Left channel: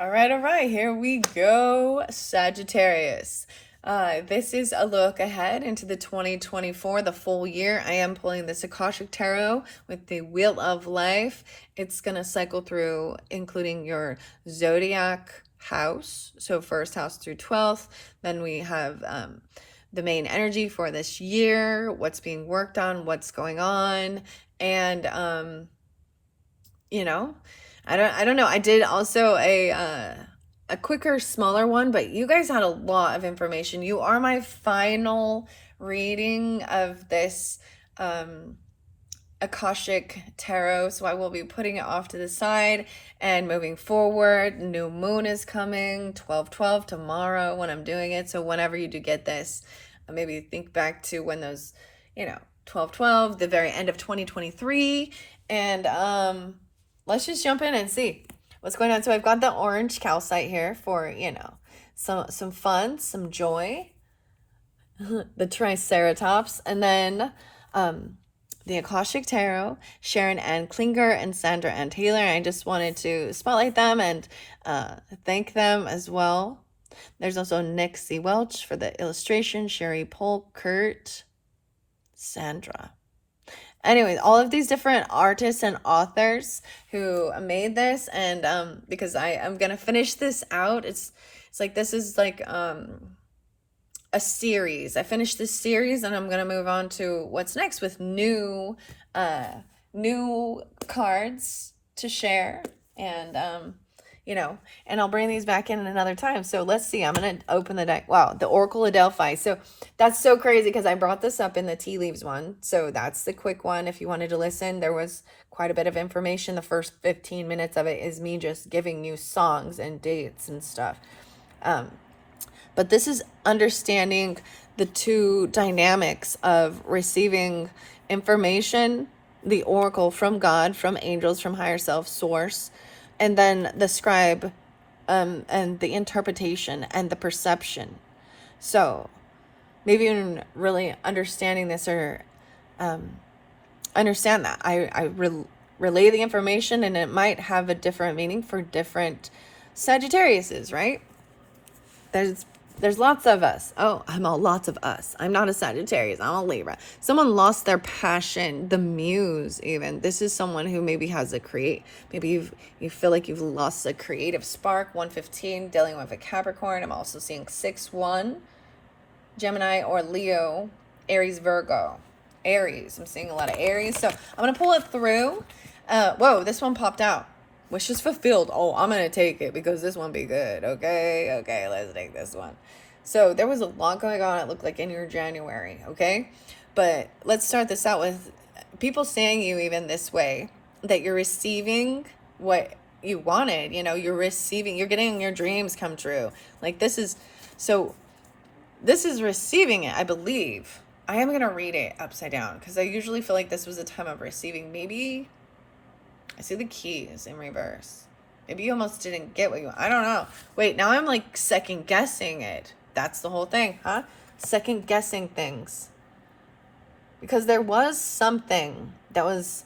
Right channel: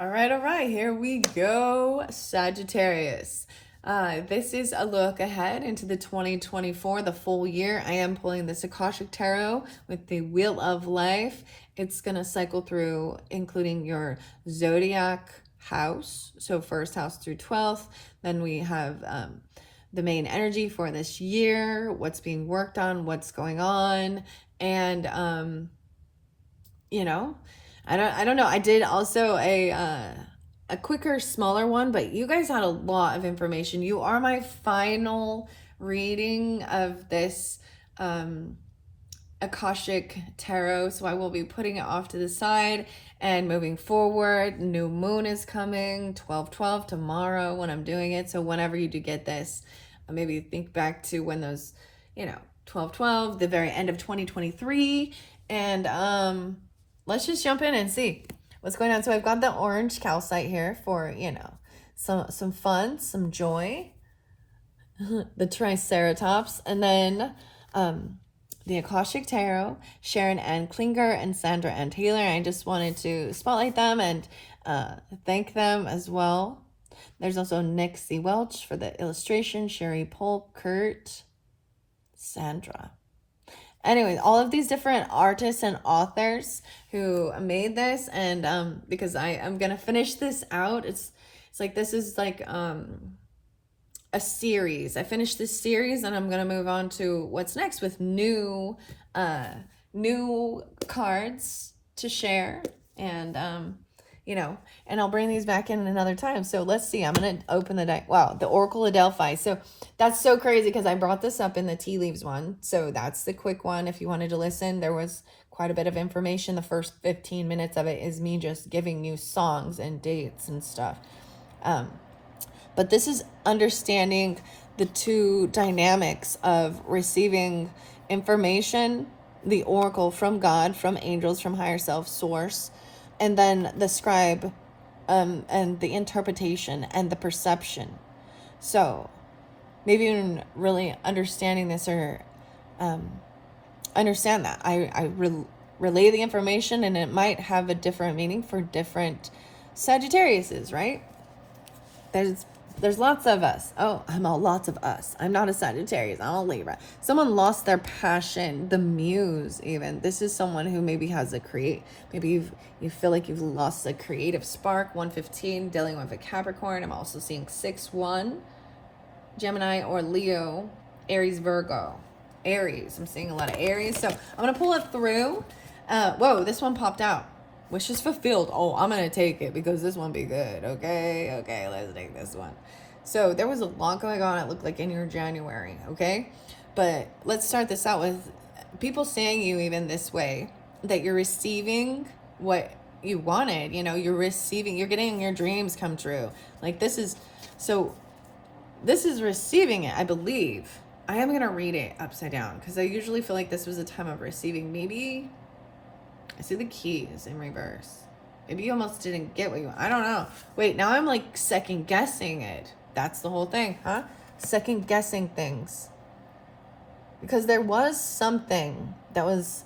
All right, here we go, Sagittarius. This is a look ahead into the 2024, the full year. I am pulling this Akashic Tarot with the Wheel of Life. It's going to cycle through, including your zodiac house. So, first house through 12th. Then we have the main energy for this year, what's being worked on, what's going on. And, you know, I don't know. I did also a quicker, smaller one, but you guys had a lot of information. You are my final reading of this Akashic Tarot, so I will be putting it off to the side and moving forward. New moon is coming, 12/12 tomorrow when I'm doing it. So whenever you do get this, maybe think back to when those, 12/12, the very end of 2023, and let's just jump in and see what's going on. So I've got the orange calcite here for, some fun, some joy, the Triceratops, and then the Akashic Tarot, Sharon Ann Klinger and Sandra Ann Taylor. I just wanted to spotlight them and thank them as well. There's also Nick C. Welch for the illustration, Sherry Polk, Kurt, Sandra. Anyways, all of these different artists and authors who made this, and because I'm gonna finish this out. It's like this is like a series. I finished this series and I'm gonna move on to what's next with new cards to share, and and I'll bring these back in another time. So let's see. I'm going to open the deck. Wow, the Oracle of Delphi. So that's so crazy because I brought this up in the tea leaves one. So that's the quick one. If you wanted to listen, there was quite a bit of information. The first 15 minutes of it is me just giving you songs and dates and stuff. But this is understanding the two dynamics of receiving information, the oracle from God, from angels, from higher self, source, and then the scribe, and the interpretation and the perception. So maybe even really understanding this, or understand that I relay the information, and it might have a different meaning for different Sagittariuses, right? There's lots of us. Oh, lots of us. I'm not a Sagittarius. I'm a Libra. Someone lost their passion, the muse even. This is someone who maybe has maybe you feel like you've lost a creative spark. 115, dealing with a Capricorn. I'm also seeing 6-1, Gemini or Leo, Aries, Virgo. Aries. I'm seeing a lot of Aries. So I'm going to pull it through. Whoa, this one popped out. Wishes fulfilled. Oh, I'm going to take it because this one be good. Okay, let's take this one. So there was a lot going on, it looked like, in your January, okay? But let's start this out with people saying you even this way, that you're receiving what you wanted. You're getting your dreams come true. Like this is receiving it, I believe. I am going to read it upside down because I usually feel like this was a time of receiving. Maybe I see the keys in reverse. Maybe you almost didn't get what you want. I don't know. Wait, now I'm like second guessing it. That's the whole thing, huh? Second guessing things. Because there was something there's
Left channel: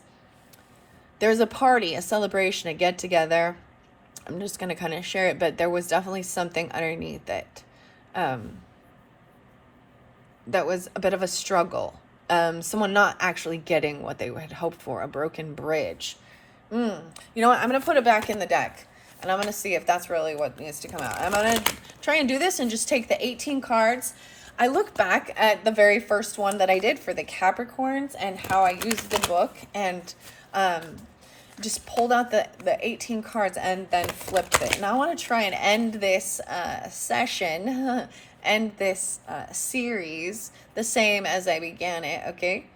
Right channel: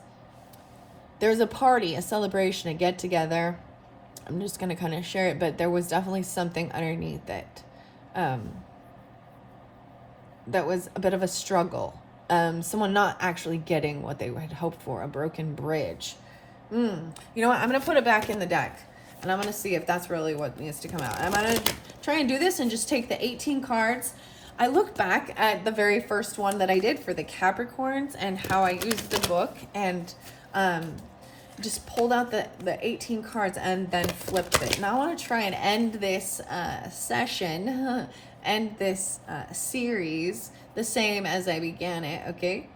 a party, a celebration, a get together. I'm just going to kind of share it, but there was definitely something underneath it. That was a bit of a struggle. Someone not actually getting what they had hoped for, a broken bridge. You know what? I'm going to put it back in the deck, and I'm going to see if that's really what needs to come out. I'm going to try and do this and just take the 18 cards. I look back at the very first one that I did for the Capricorns and how I used the book, and just pulled out the 18 cards and then flipped it. And I want to try and end this session, end this series the same as I began it, okay?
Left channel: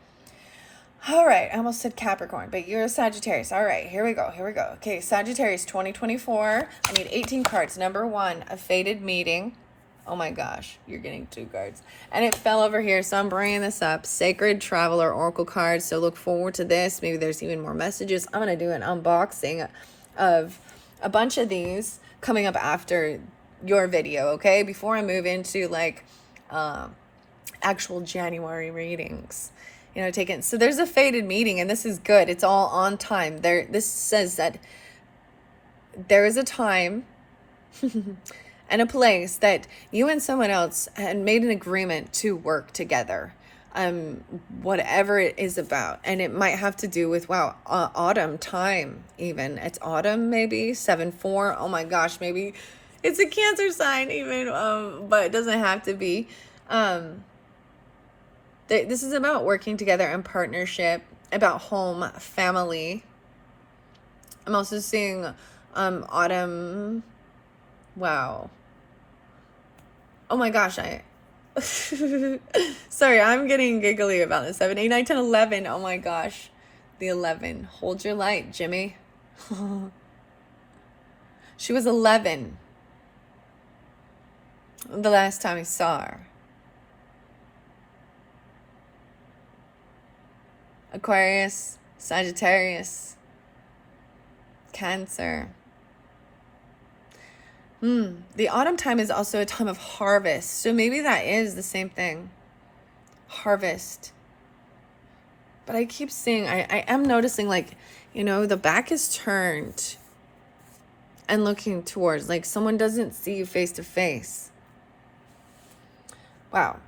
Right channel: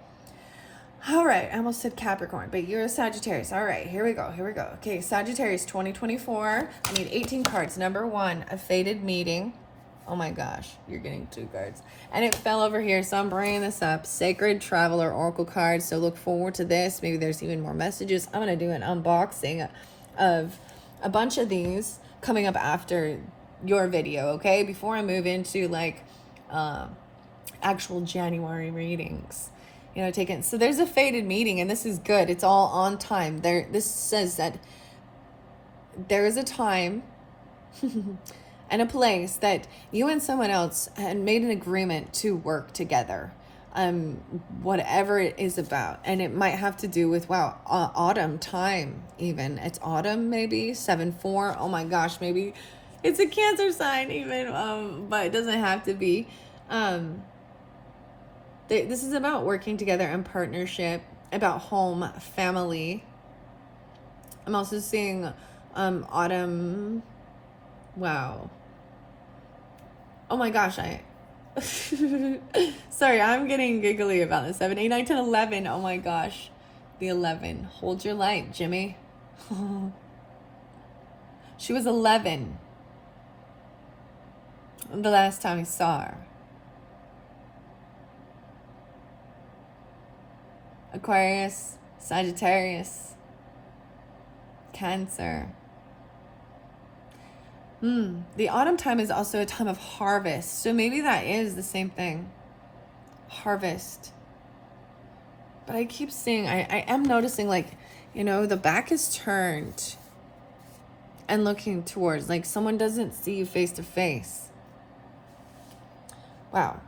All right, I almost said Capricorn, but you're a Sagittarius. All right, here we go. Okay, Sagittarius 2024. I need 18 cards. Number 1, a fated meeting. Oh my gosh, you're getting 2 cards. And it fell over here, so I'm bringing this up. Sacred Traveler Oracle cards, so look forward to this. Maybe there's even more messages. I'm going to do an unboxing of a bunch of these coming up after your video, okay? Before I move into like actual January readings. Taken. So there's a fated meeting, and this is good. It's all on time. This says that there is a time and a place that you and someone else had made an agreement to work together. Whatever it is about. And it might have to do with, wow, autumn time even. It's autumn, maybe 7/4. Oh my gosh, maybe it's a Cancer sign even, but it doesn't have to be. This is about working together in partnership, about home, family. I'm also seeing autumn. Wow. Oh my gosh, sorry, I'm getting giggly about the 7, 8, 9, 10, 11. Oh my gosh. The 11. Hold your light, Jimmy. She was 11 the last time I saw her. Aquarius, Sagittarius, Cancer. The autumn time is also a time of harvest. So maybe that is the same thing. Harvest. But I keep seeing, I am noticing, like, you know, the back is turned and looking towards, like someone doesn't see you face to face. Wow.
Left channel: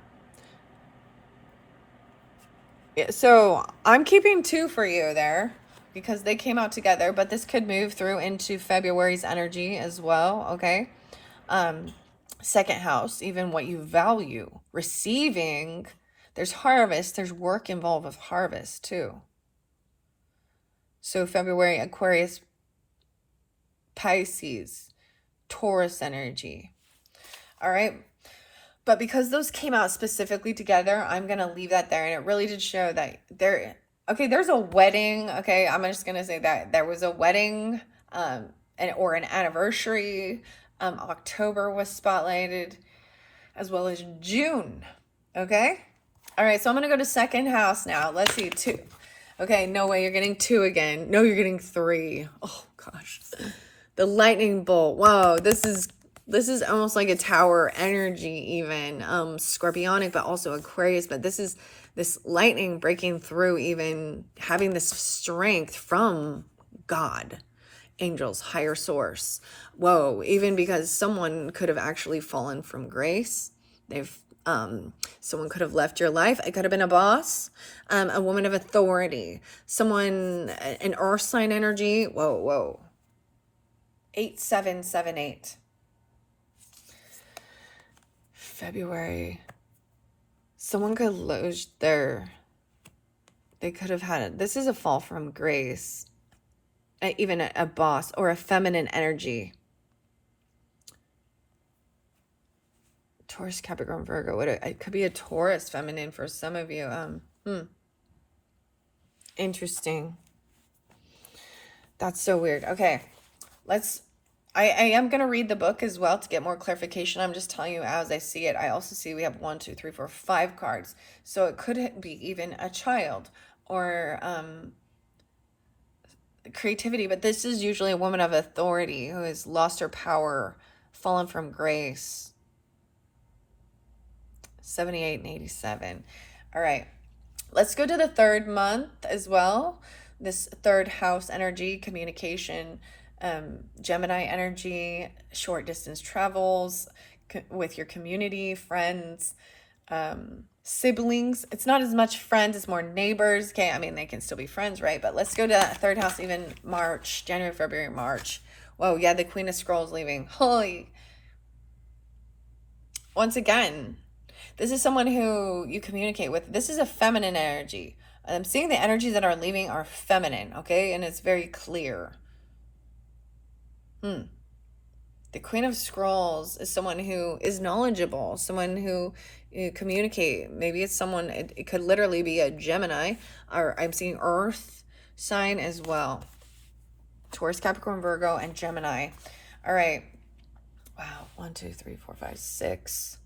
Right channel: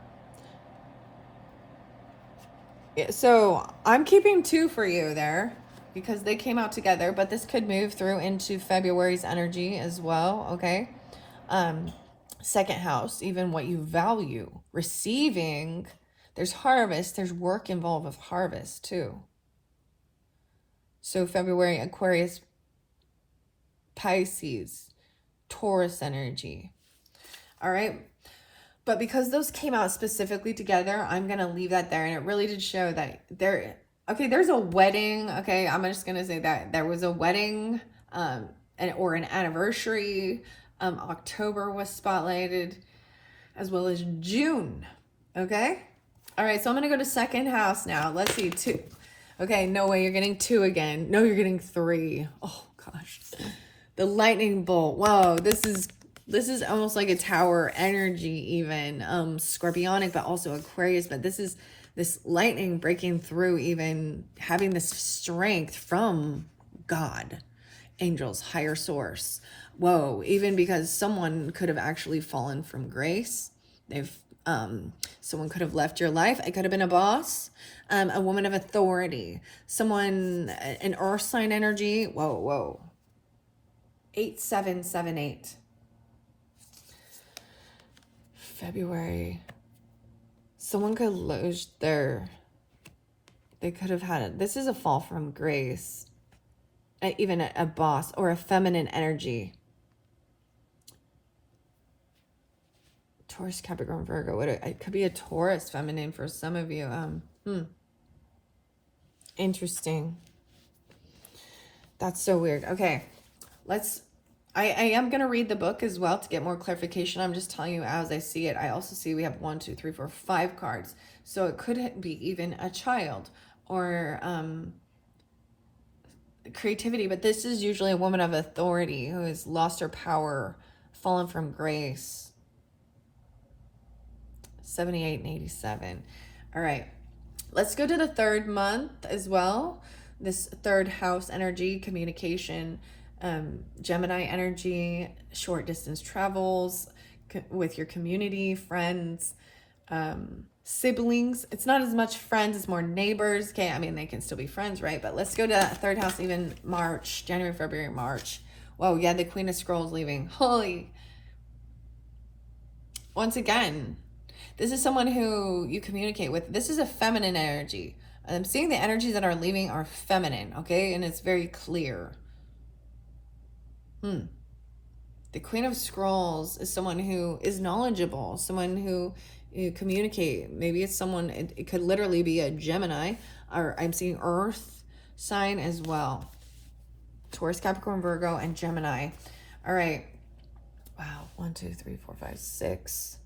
Yeah, so I'm keeping 2 for you there, because they came out together, but this could move through into February's energy as well, okay? Second house, even what you value, receiving, there's harvest, there's work involved with harvest too. So February, Aquarius, Pisces, Taurus energy. All right. But because those came out specifically together, I'm going to leave that there. And it really did show that there's a wedding. Okay, I'm just going to say that there was a wedding or an anniversary. October was spotlighted, as well as June. Okay? All right, so I'm going to go to second house now. Let's see, 2. Okay, no way, you're getting 2 again. No, you're getting 3. Oh, gosh. The lightning bolt. Whoa, this is almost like a tower energy even. Scorpionic, but also Aquarius. But this is this lightning breaking through, even having this strength from God, angels, higher source. Whoa, even because someone could have actually fallen from grace. Someone could have left your life. It could have been a boss, a woman of authority, someone, an earth sign energy. Whoa. 8778. February. Someone could lose they could have had this is a fall from grace. Even a boss or a feminine energy. Taurus, Capricorn, Virgo. It could be a Taurus feminine for some of you. Interesting. That's so weird. Okay, I am going to read the book as well to get more clarification. I'm just telling you as I see it. I also see we have 1, 2, 3, 4, 5 cards. So it could be even a child or creativity. But this is usually a woman of authority who has lost her power, fallen from grace. 78 and 87. All right. Let's go to the 3rd month as well. This 3rd house energy, communication, Gemini energy, short distance travels with your community, friends, siblings. It's not as much friends, it's more neighbors. Okay, I mean, they can still be friends, right? But let's go to 3rd house, even March, January, February, March. Whoa, yeah, the Queen of Scrolls leaving. Holy. Once again, this is someone who you communicate with. This is a feminine energy. I'm seeing the energies that are leaving are feminine, okay? And it's very clear. The Queen of Scrolls is someone who is knowledgeable, someone who you communicate. Maybe it's someone, it could literally be a Gemini, or I'm seeing Earth sign as well. Taurus, Capricorn, Virgo, and Gemini. All right. Wow. 1, 2, 3, 4, 5, 6.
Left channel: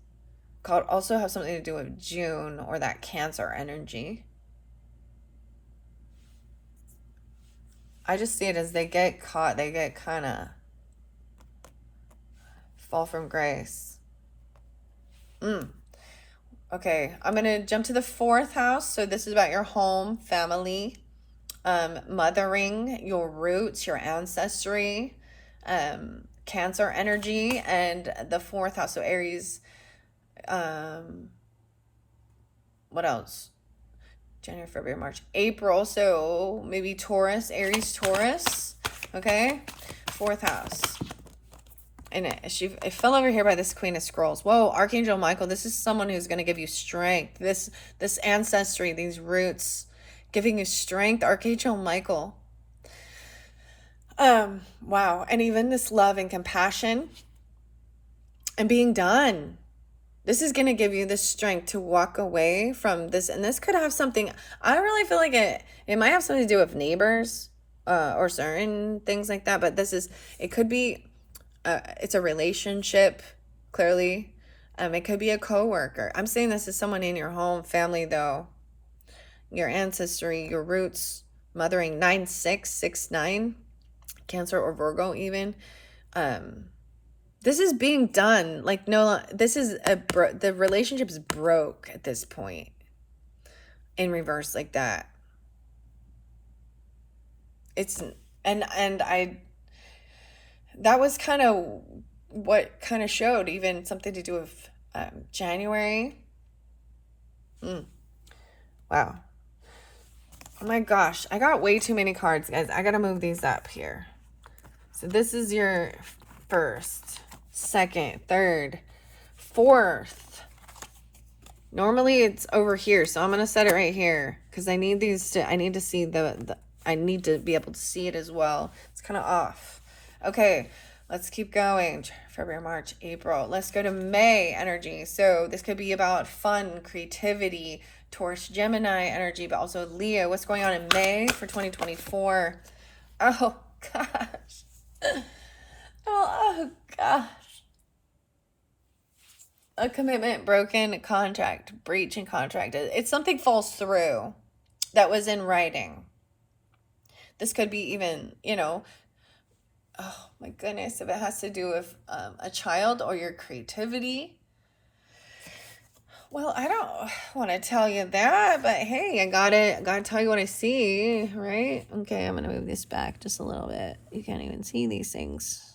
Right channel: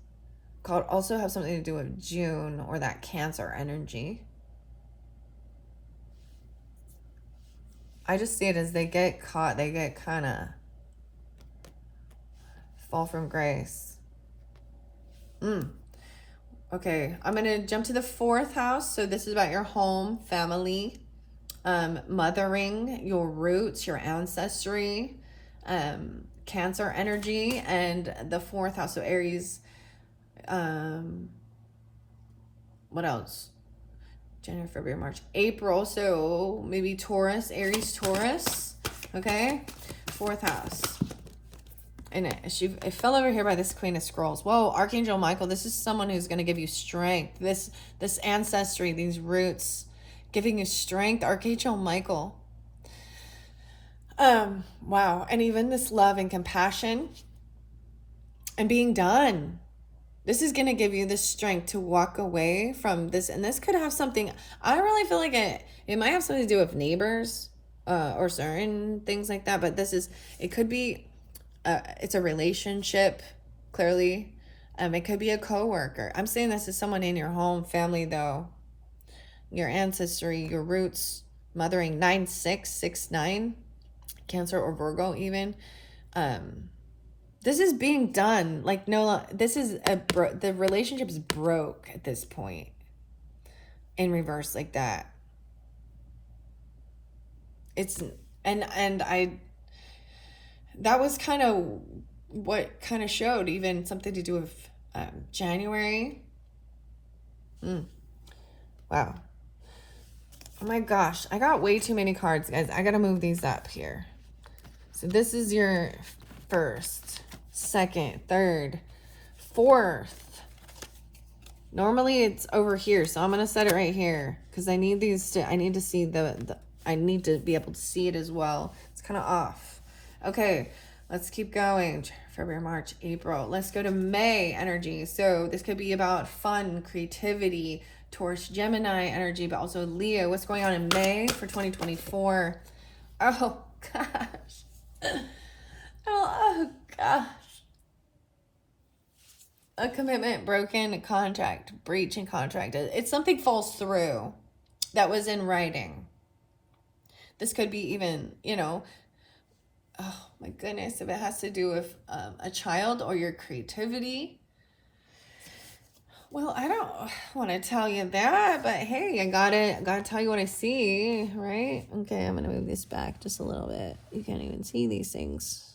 Could also have something to do with June or that Cancer energy. I just see it as they get caught. They get kind of fall from grace. Okay, I'm going to jump to the 4th house. So this is about your home, family, mothering, your roots, your ancestry, Cancer energy, and the 4th house, so Aries. What else? January, February, March, April. So maybe Taurus, Aries, Taurus. Okay, 4th house. And it fell over here by this Queen of Scrolls. Whoa, Archangel Michael. This is someone who's going to give you strength. This ancestry, these roots, giving you strength. Archangel Michael. Wow. And even this love and compassion and being done. This is going to give you the strength to walk away from this. And this could have something, I really feel like it might have something to do with neighbors, or certain things like that. But it could be, it's a relationship, clearly. It could be a coworker. I'm saying this is someone in your home, family though. Your ancestry, your roots, mothering, 9669, Cancer or Virgo even. This is being done. Like, no, this is the relationship's broke at this point. In reverse like that. That was kind of what kind of showed even something to do with January. Wow. Oh my gosh. I got way too many cards, guys. I got to move these up here. So this is your 1st, 2nd, 3rd, 4th. Normally it's over here, so I'm going to set it right here because I need I need to see I need to be able to see it as well. It's kind of off. Okay, let's keep going. February, March, April. Let's go to May energy. So this could be about fun, creativity, Taurus, Gemini energy, but also Leo. What's going on in May for 2024? Oh, gosh. Oh, gosh. A commitment broken, a contract, breach in contract. It's something falls through that was in writing. This could be even, oh my goodness, if it has to do with a child or your creativity. Well, I don't want to tell you that, but hey, I gotta tell you what I see, right? Okay, I'm gonna move this back just a little bit. You can't even see these things.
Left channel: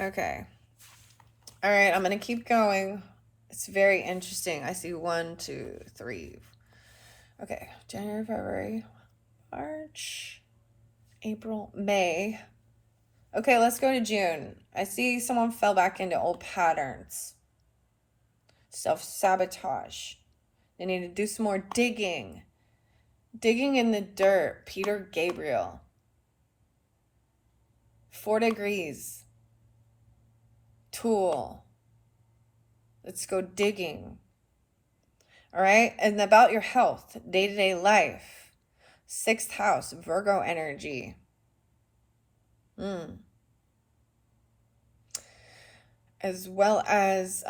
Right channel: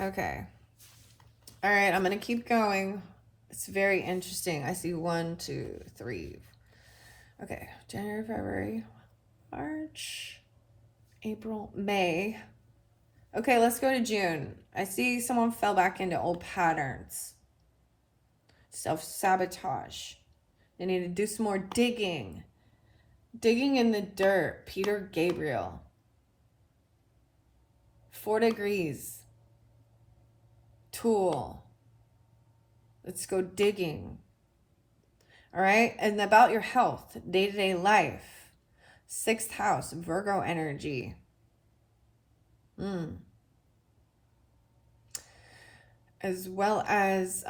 Okay. All right, I'm going to keep going. It's very interesting. I see 1, 2, 3. Okay, January, February, March, April, May. Okay, let's go to June. I see someone fell back into old patterns. Self-sabotage. They need to do some more digging. Digging in the dirt. Peter Gabriel. 4 degrees. Tool. Let's go digging. All right. And about your health, day-to-day life. 6th house, Virgo energy. As well as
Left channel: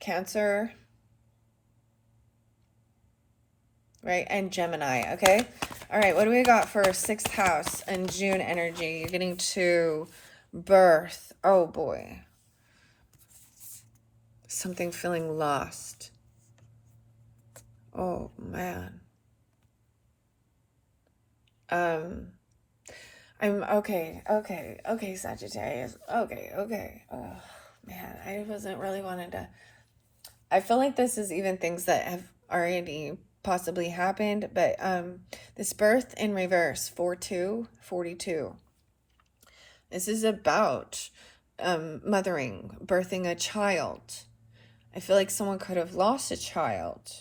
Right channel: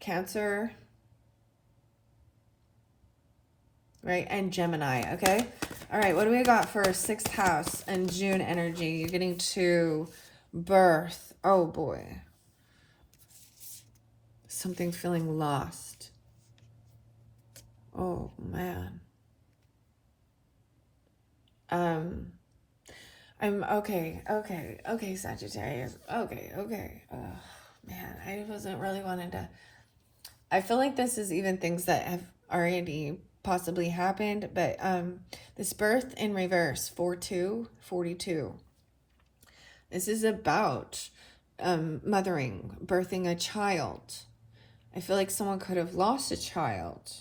Cancer. Right. And Gemini. Okay. All right. What do we got for 6th house and June energy? You're getting to birth. Oh boy. Something feeling lost. Oh man. I'm okay, Sagittarius. Okay. Oh man, I wasn't really wanting to. I feel like this is even things that have already possibly happened, but this birth in reverse, 4-2-42. This is about mothering, birthing a child. I feel like someone could have lost a child.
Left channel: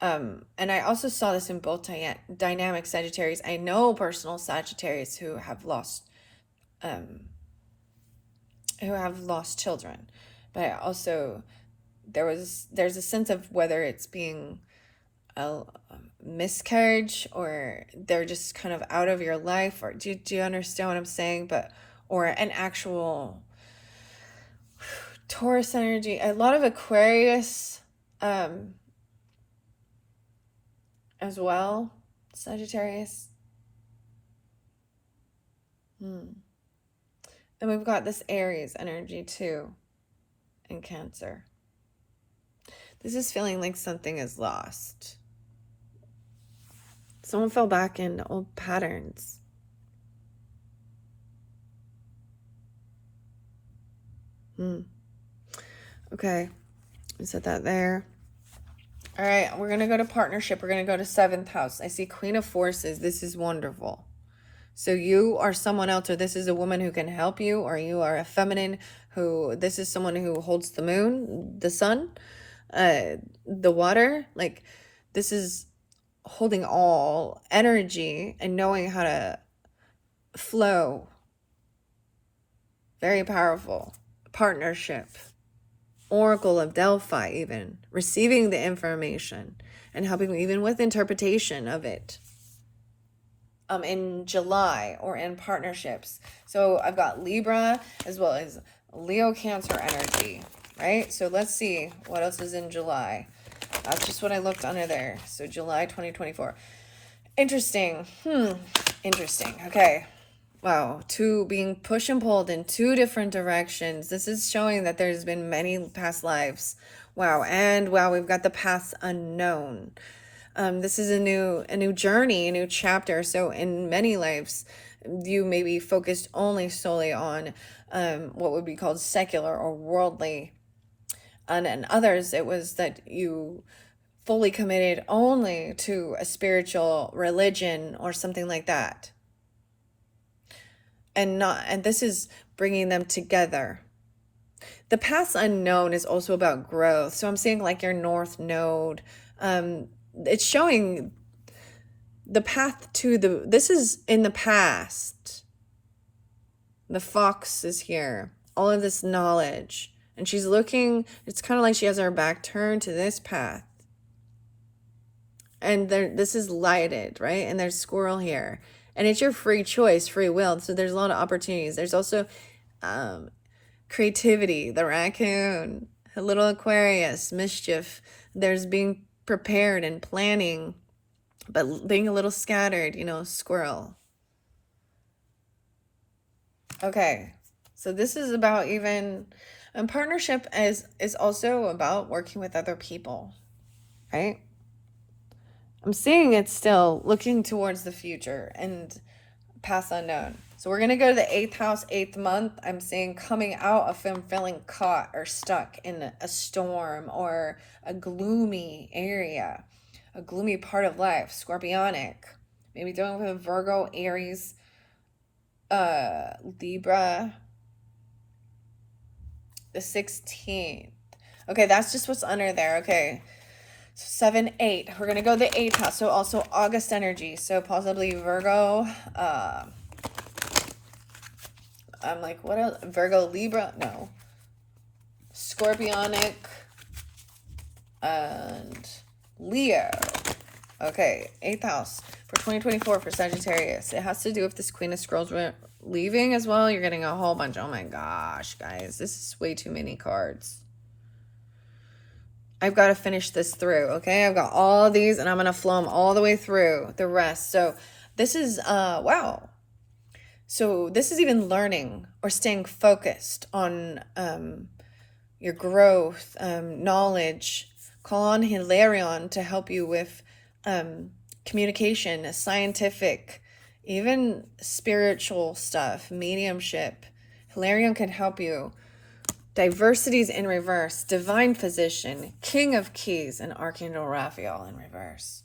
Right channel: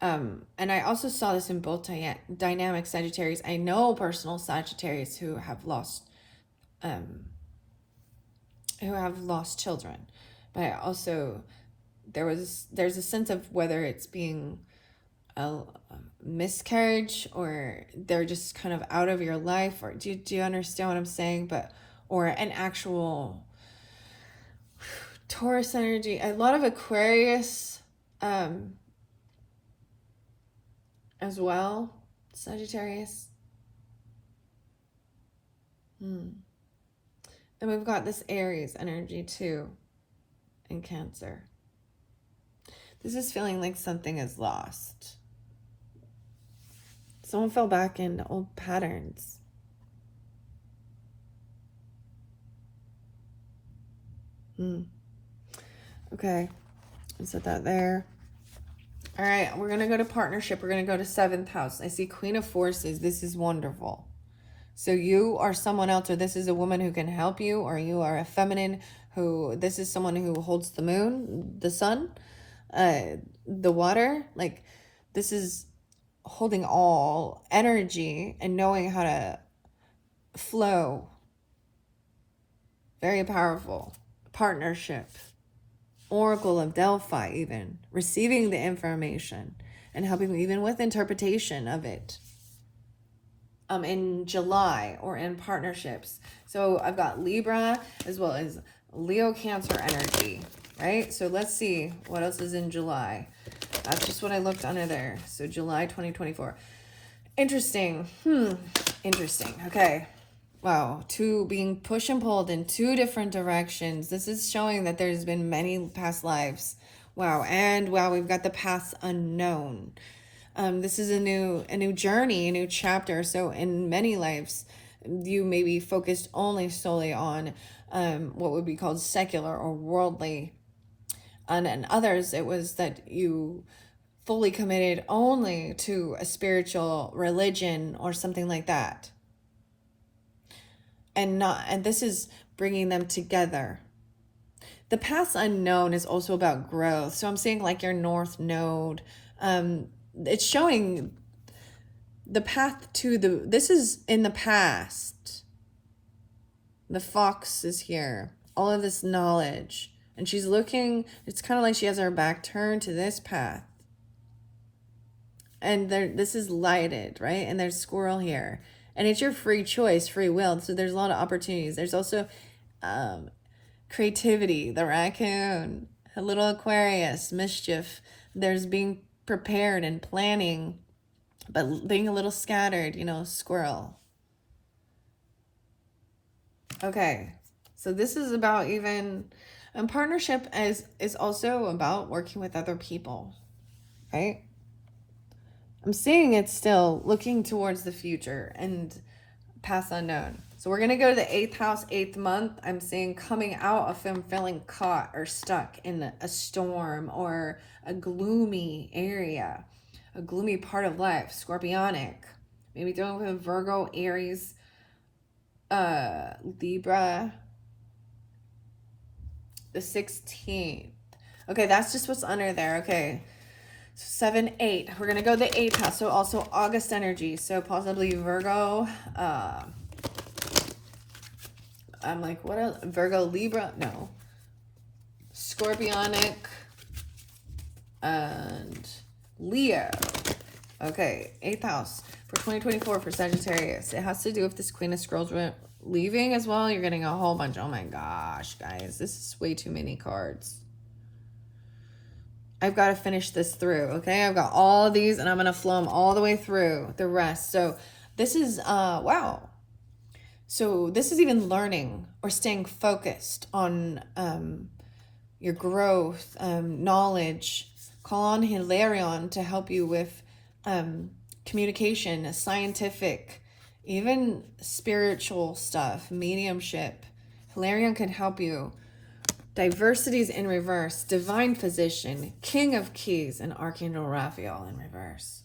And I also saw this in both dynamic Sagittarius. I know personal Sagittarius who have lost children, but I also there's a sense of whether it's being a miscarriage or they're just kind of out of your life, or do you understand what I'm saying? But or an actual Taurus energy, a lot of Aquarius as well, Sagittarius. And we've got this Aries energy too, and Cancer. This is feeling like something is lost. Someone fell back into old patterns. Okay. Set that there. All right. We're going to go to partnership. We're going to go to 7th house. I see Queen of Forces. This is wonderful. So you are someone else, or this is a woman who can help you, or you are a feminine who, this is someone who holds the moon, the sun, the water. Like, this is holding all energy and knowing how to flow. Very powerful. Partnership. Oracle of Delphi, even receiving the information and helping even with interpretation of it. In July, or in partnerships. So I've got Libra as well as Leo, Cancer energy, right? So let's see what else is in July. That's just what I looked under there. So July 2024. Interesting. Interesting. Okay. Wow. Being pushed and pulled in 2 different directions. This is showing that there's been many past lives. Wow. And wow, we've got the paths unknown. This is a new journey, a new chapter. So in many lives, you may be focused solely on what would be called secular or worldly. And in others, it was that you fully committed only to a spiritual religion or something like that. And this is bringing them together. The paths unknown is also about growth. So I'm seeing like your North Node. It's showing the path to this is in the past. The fox is here. All of this knowledge. And she's looking, it's kind of like she has her back turned to this path. And this is lighted, right? And there's squirrel here. And it's your free choice, free will. So there's a lot of opportunities. There's also creativity, the raccoon, a little Aquarius, mischief. There's being prepared and planning, but being a little scattered, squirrel. Okay, so this is about even, and partnership is also about working with other people, right? I'm seeing it still looking towards the future and past unknown. So we're going to go to the 8th house, 8th month. I'm seeing coming out of feeling caught or stuck in a storm or a gloomy area, a gloomy part of life, scorpionic. Maybe dealing with a Virgo, Aries, Libra. The 16th. Okay, that's just what's under there. Okay. So 7, 8. We're going to go the 8th house. So also August energy. So possibly Virgo. I'm like, what else? Virgo, Libra? No. Scorpionic. And Leo. Okay. 8th house for 2024 for Sagittarius. It has to do with this Queen of Scrolls leaving as well. You're getting a whole bunch. Oh my gosh, guys. This is way too many cards. I've got to finish this through, okay? I've got all these, and I'm going to flow them all the way through the rest. So this is, wow. So this is even learning or staying focused on your growth, knowledge. Call on Hilarion to help you with communication, scientific, even spiritual stuff, mediumship. Hilarion can help you. Diversities in reverse, divine physician, king of keys, and Archangel Raphael in reverse.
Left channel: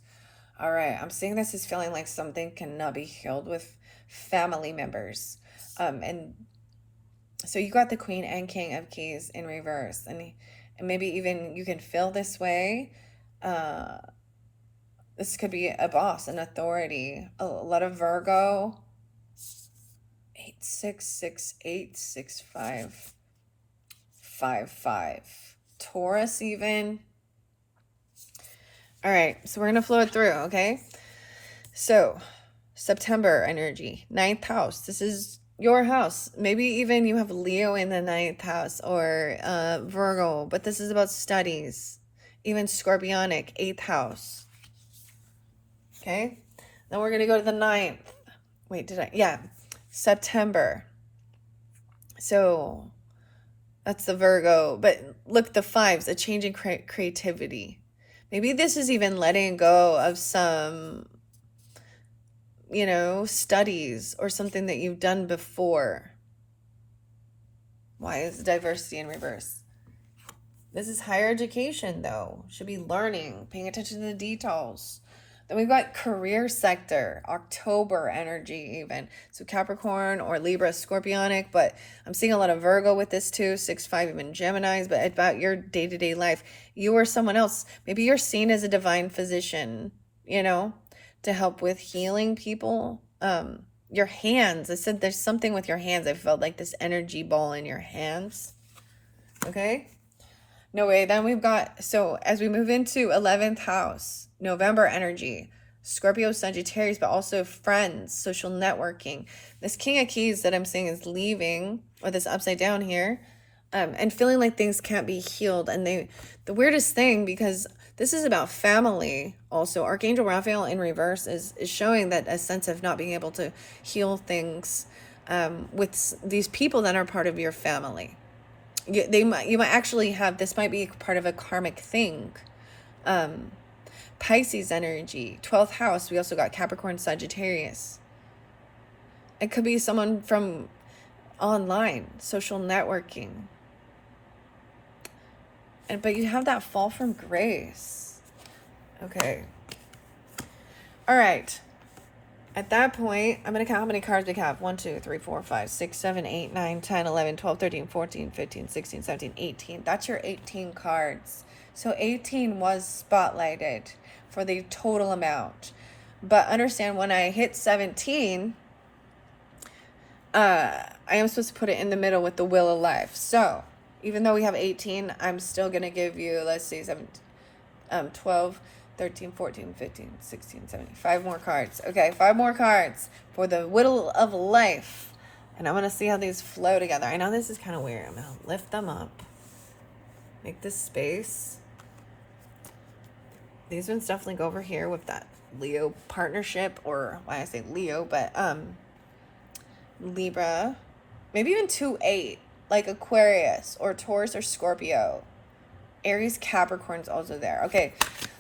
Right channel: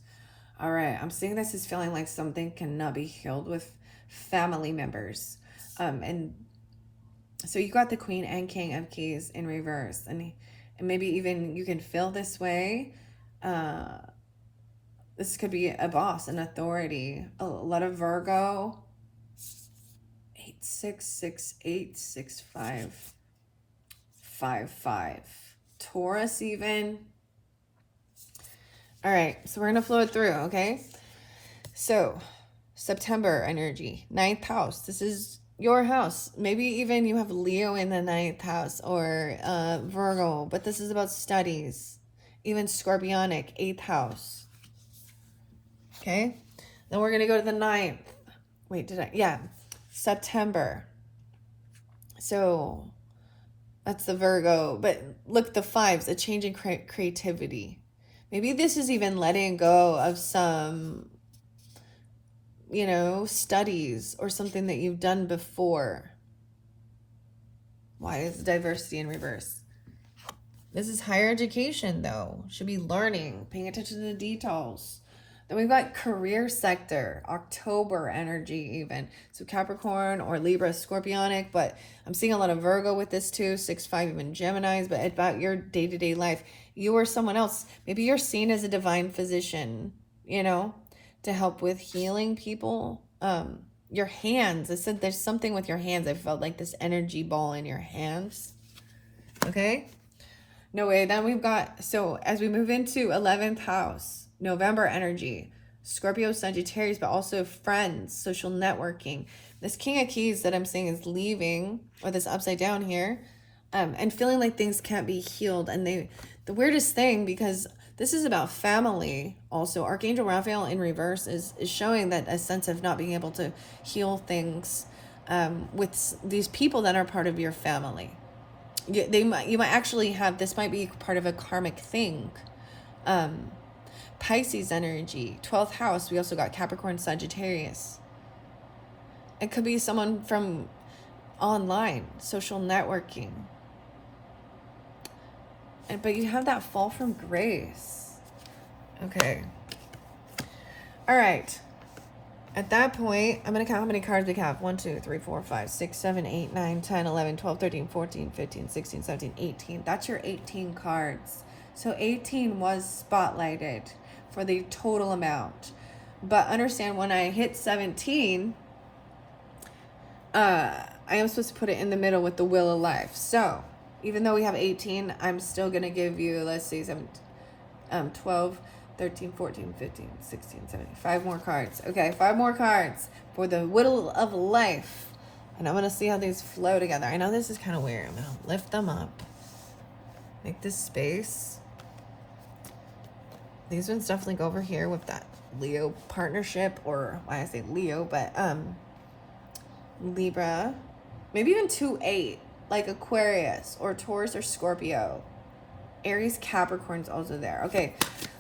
All right, I'm seeing this as feeling like something cannot be healed with family members. And so you got the Queen and King of Keys in reverse. And maybe even you can feel this way. This could be a boss, an authority. A lot of Virgo. 866865. 5. Taurus even. All right, so we're going to flow it through, okay? So, September energy, 9th house. This is your house. Maybe even you have Leo in the 9th house or Virgo, but this is about studies. Even Scorpionic, 8th house. Okay? Then we're going to go to the 9th. Wait, September. So that's the Virgo, but look, the 5s, a change in creativity. Maybe this is even letting go of some, studies or something that you've done before. Why is diversity in reverse? This is higher education, though. Should be learning, paying attention to the details. Then we've got career sector, October energy even. So Capricorn or Libra, Scorpionic, but I'm seeing a lot of Virgo with this too, 6-5, even Geminis, but about your day-to-day life. You or someone else, maybe you're seen as a divine physician, you know, to help with healing people. Your hands, I said there's something with your hands. I felt like this energy ball in your hands. Okay? No way. Then we've got, so as we move into 11th house, November energy, Scorpio, Sagittarius, but also friends, social networking. This King of Keys that I'm saying is leaving, or this upside down here, and feeling like things can't be healed. And the weirdest thing, because this is about family also, Archangel Raphael in reverse is showing that a sense of not being able to heal things with these people that are part of your family. You might actually have, this might be part of a karmic thing. Pisces energy, 12th house. We also got Capricorn, Sagittarius. It could be someone from online, social networking. But you have that fall from grace. Okay. All right. At that point, I'm going to count how many cards we have. 1, 2, 3, 4, 5, 6, 7, 8, 9, 10, 11, 12, 13, 14, 15, 16, 17, 18. That's your 18 cards. So 18 was spotlighted for the total amount. But understand, when I hit 17, I am supposed to put it in the middle with the Wheel of Life. So even though we have 18, I'm still going to give you, let's see, 12, 13, 14, 15, 16, 17, 5 more cards. Okay, 5 more cards for the Wheel of Life. And I'm going to see how these flow together. I know this is kind of weird. I'm going to lift them up. Make this space. These ones definitely go over here with that Leo partnership, or why I say Leo, but Libra. Maybe even 2-8, like Aquarius or Taurus or Scorpio. Aries, Capricorn's also there. Okay.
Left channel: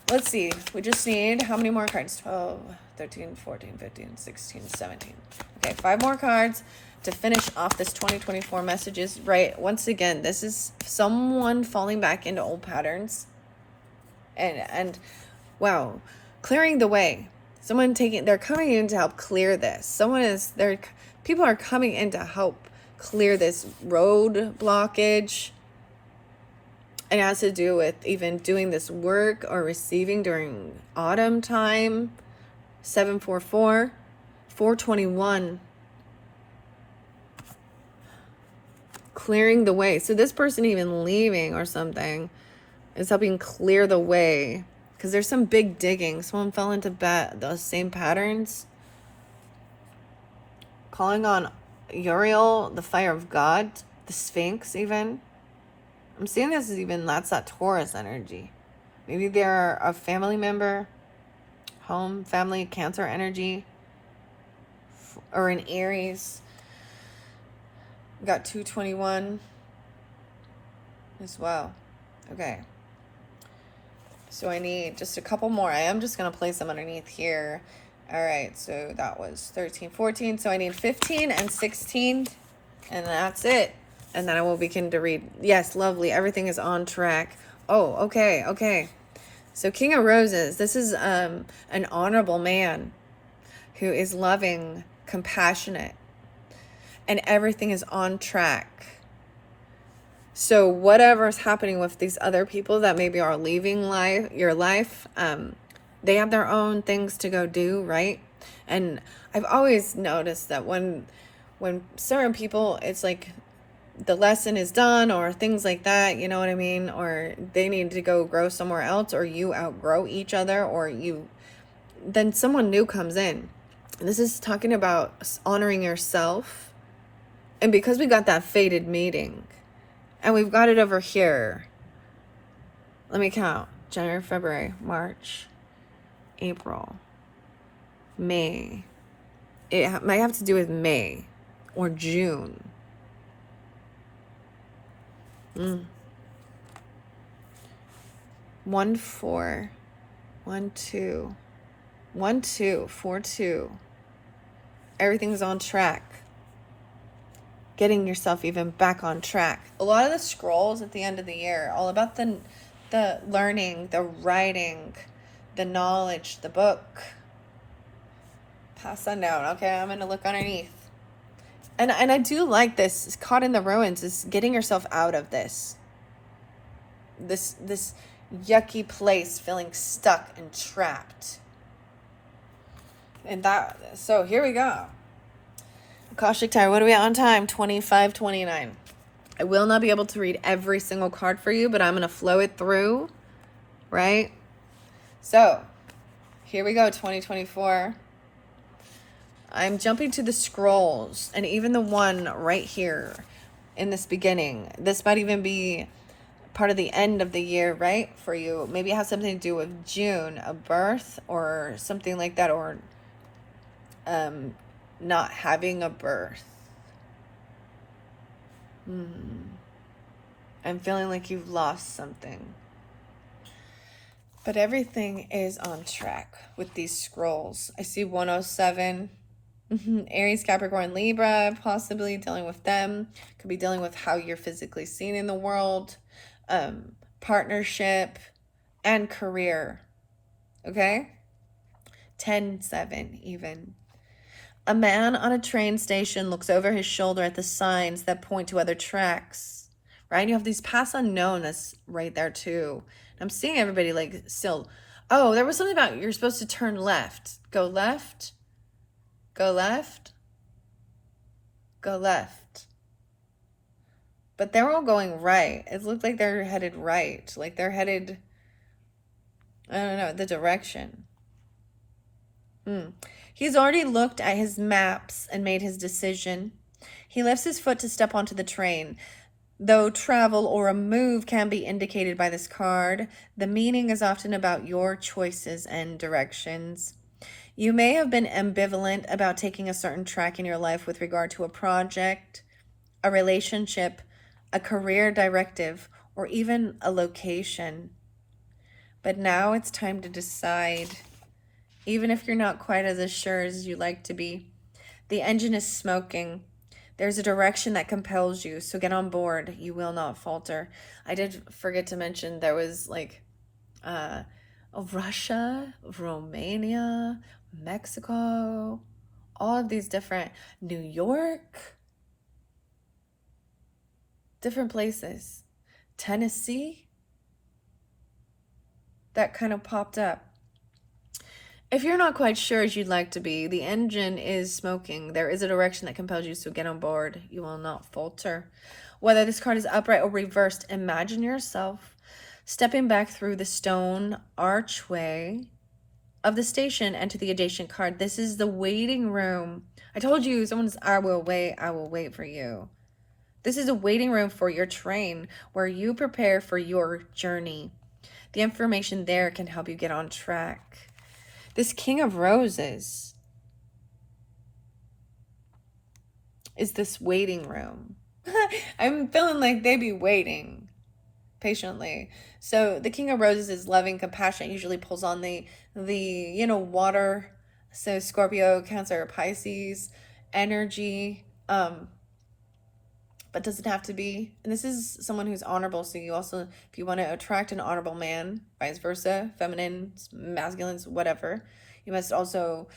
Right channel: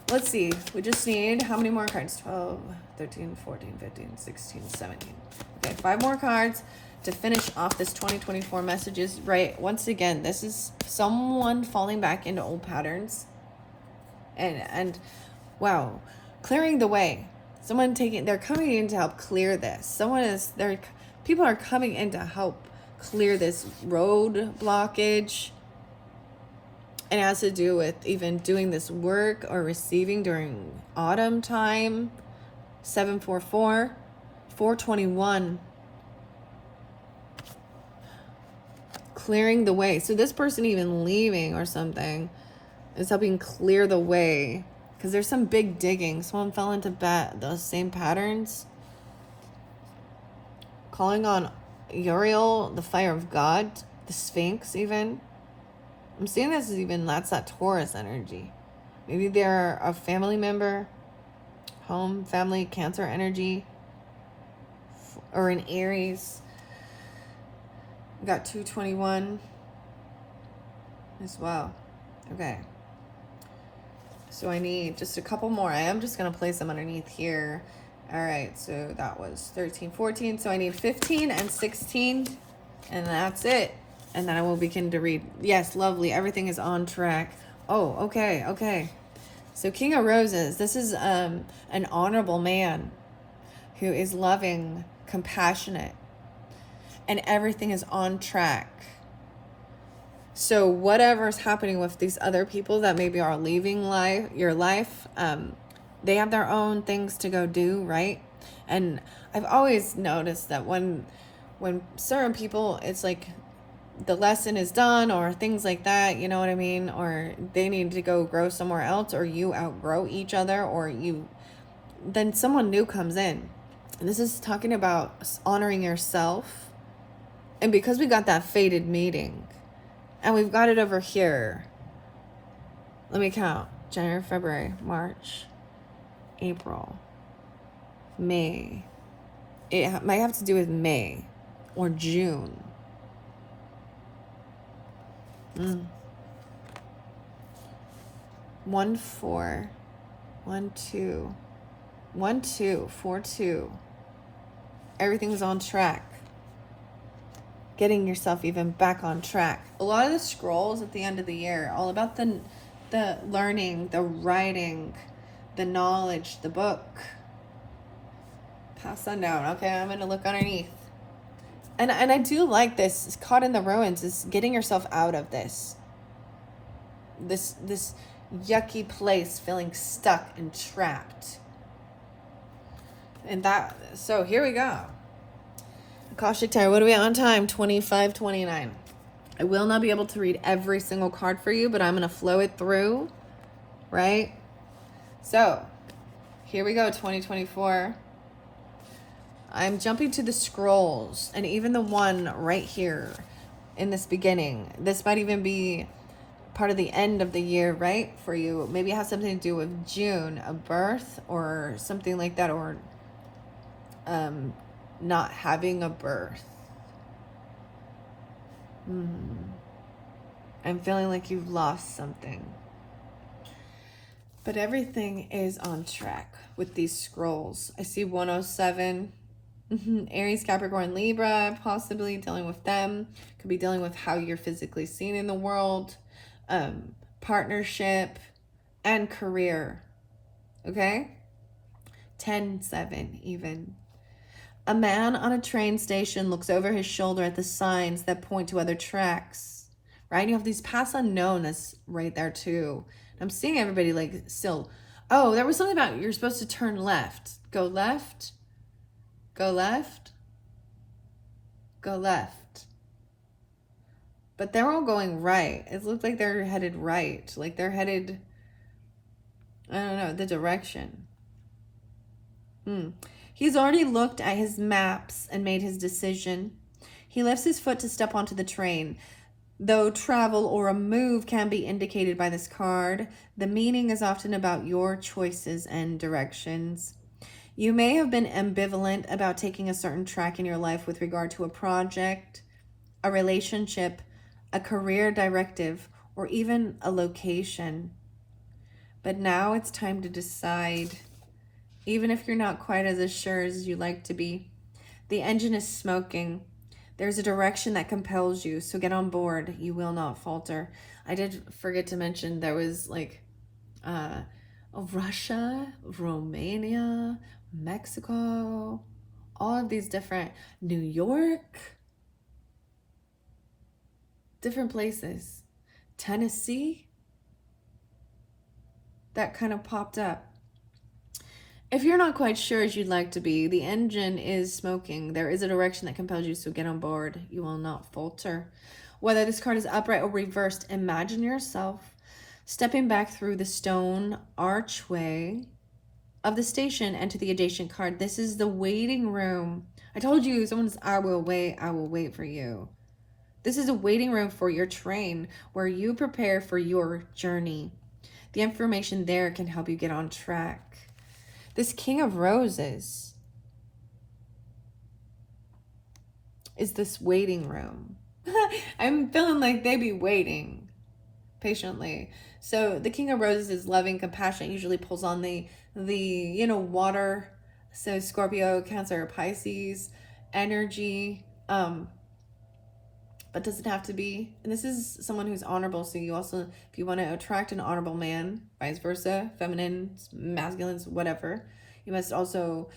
Let's see. We just need how many more cards? 12, 13, 14, 15, 16, 17. Okay, 5 more cards to finish off this 2024 messages. Right. Once again, this is someone falling back into old patterns. And wow, clearing the way. They're coming in to help clear this. People are coming in to help clear this road blockage. It has to do with even doing this work or receiving during autumn time. 744, 421. Clearing the way. So this person even leaving or something is helping clear the way. Because there's some big digging. Someone fell into those same patterns. Calling on Uriel, the fire of God, the Sphinx even. I'm seeing this as even, that's that Taurus energy. Maybe they're a family member, home, family, Cancer energy, or an Aries. We got 221 as well. Okay. So I need just a couple more. I am just going to place them underneath here. All right. So that was 13, 14. So I need 15 and 16. And that's it. And then I will begin to read. Yes, lovely. Everything is on track. Oh, okay, okay. So King of Roses. This is an honorable man who is loving, compassionate, and everything is on track. So whatever's happening with these other people that maybe are leaving your life, they have their own things to go do, right? And I've always noticed that when certain people, it's like the lesson is done or things like that, you know what I mean? Or they need to go grow somewhere else, or you outgrow each other, or then someone new comes in. And this is talking about honoring yourself. And because we got that fated meeting, and we've got it over here. Let me count. January, February, March, April, May. It might have to do with May or June. 1, 4, 1, 2, 1, 2, 4, 2. Everything's on track. getting yourself even back on track. A lot of the scrolls at the end of the year, all about the learning, the writing, the knowledge, the book. Pass unknown. Okay, I'm going to look underneath. And I do like this. Caught in the ruins is getting yourself out of this yucky place, feeling stuck and trapped. And so here we go. Akashic Tarot, what are we on time? 25:29. I will not be able to read every single card for you, but I'm going to flow it through, right? So, here we go, 2024. I'm jumping to the scrolls, and even the one right here in this beginning. This might even be part of the end of the year, right? For you. Maybe it has something to do with June, a birth, or something like that, or not having a birth. I'm feeling like you've lost something. But everything is on track with these scrolls. I see 107. Aries, Capricorn, Libra, possibly dealing with them. Could be dealing with how you're physically seen in the world. Partnership and career. Okay? 10-7 even. A man on a train station looks over his shoulder at the signs that point to other tracks, right? You have these paths unknown that's right there too. I'm seeing everybody like still, oh, there was something about you're supposed to turn left. Go left, go left, go left. But they're all going right. It looked like they're headed right. Like they're headed, I don't know, the direction. He's already looked at his maps and made his decision. He lifts his foot to step onto the train. Though travel or a move can be indicated by this card, the meaning is often about your choices and directions. You may have been ambivalent about taking a certain track in your life with regard to a project, a relationship, a career directive, or even a location. But now it's time to decide. Even if you're not quite as sure as you like to be. The engine is smoking. There's a direction that compels you, so get on board. You will not falter. I did forget to mention there was like Russia, Romania, Mexico, all of these different, New York, different places, Tennessee, that kind of popped up. If you're not quite sure as you'd like to be, the engine is smoking. There is a direction that compels you, so get on board. You will not falter. Whether this card is upright or reversed, imagine yourself stepping back through the stone archway of the station and to the adjacent card. This is the waiting room. I told you, someone's, I will wait for you. This is a waiting room for your train where you prepare for your journey. The information there can help you get on track. This King of Roses is this waiting room. I'm feeling like they be waiting patiently. So the King of Roses is loving, compassionate, usually pulls on the water. So Scorpio, Cancer, Pisces energy, but doesn't have to be. And this is someone who's honorable. So you also, if you want to attract an honorable man, vice versa, feminine, masculines, whatever, you must also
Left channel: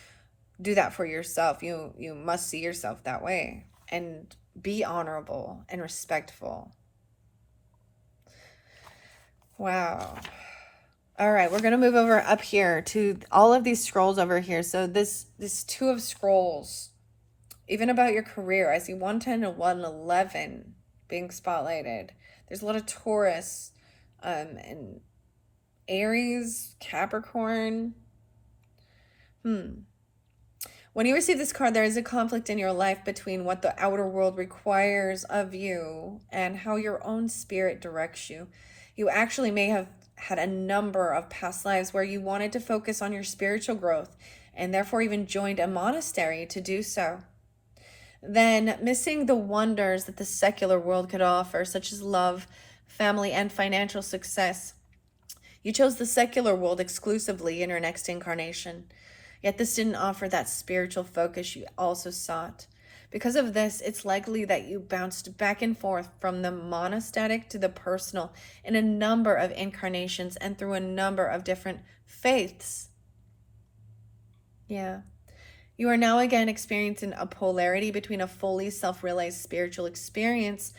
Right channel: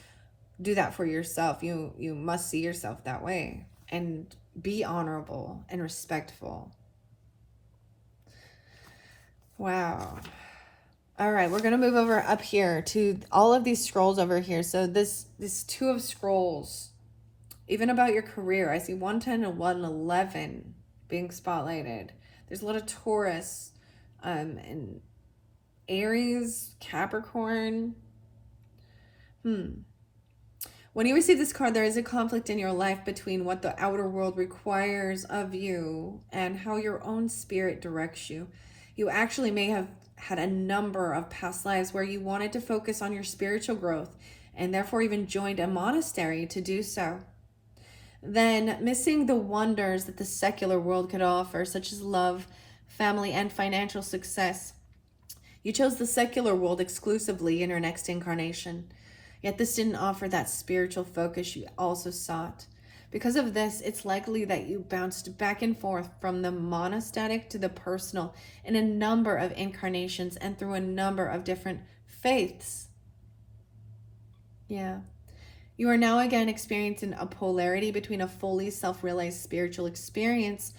do that for yourself. You must see yourself that way and be honorable and respectful. Wow. All right, we're going to move over up here to all of these scrolls over here. So this Two of Scrolls, even about your career, I see 110 and 111 being spotlighted. There's a lot of Taurus and Aries, Capricorn. When you receive this card, there is a conflict in your life between what the outer world requires of you and how your own spirit directs you. You actually may have had a number of past lives where you wanted to focus on your spiritual growth and therefore even joined a monastery to do so. Then missing the wonders that the secular world could offer, such as love, family, and financial success. You chose the secular world exclusively in your next incarnation. Yet this didn't offer that spiritual focus you also sought. Because of this, it's likely that you bounced back and forth from the monastetic to the personal in a number of incarnations and through a number of different faiths. Yeah. You are now again experiencing a polarity between a fully self-realized spiritual experience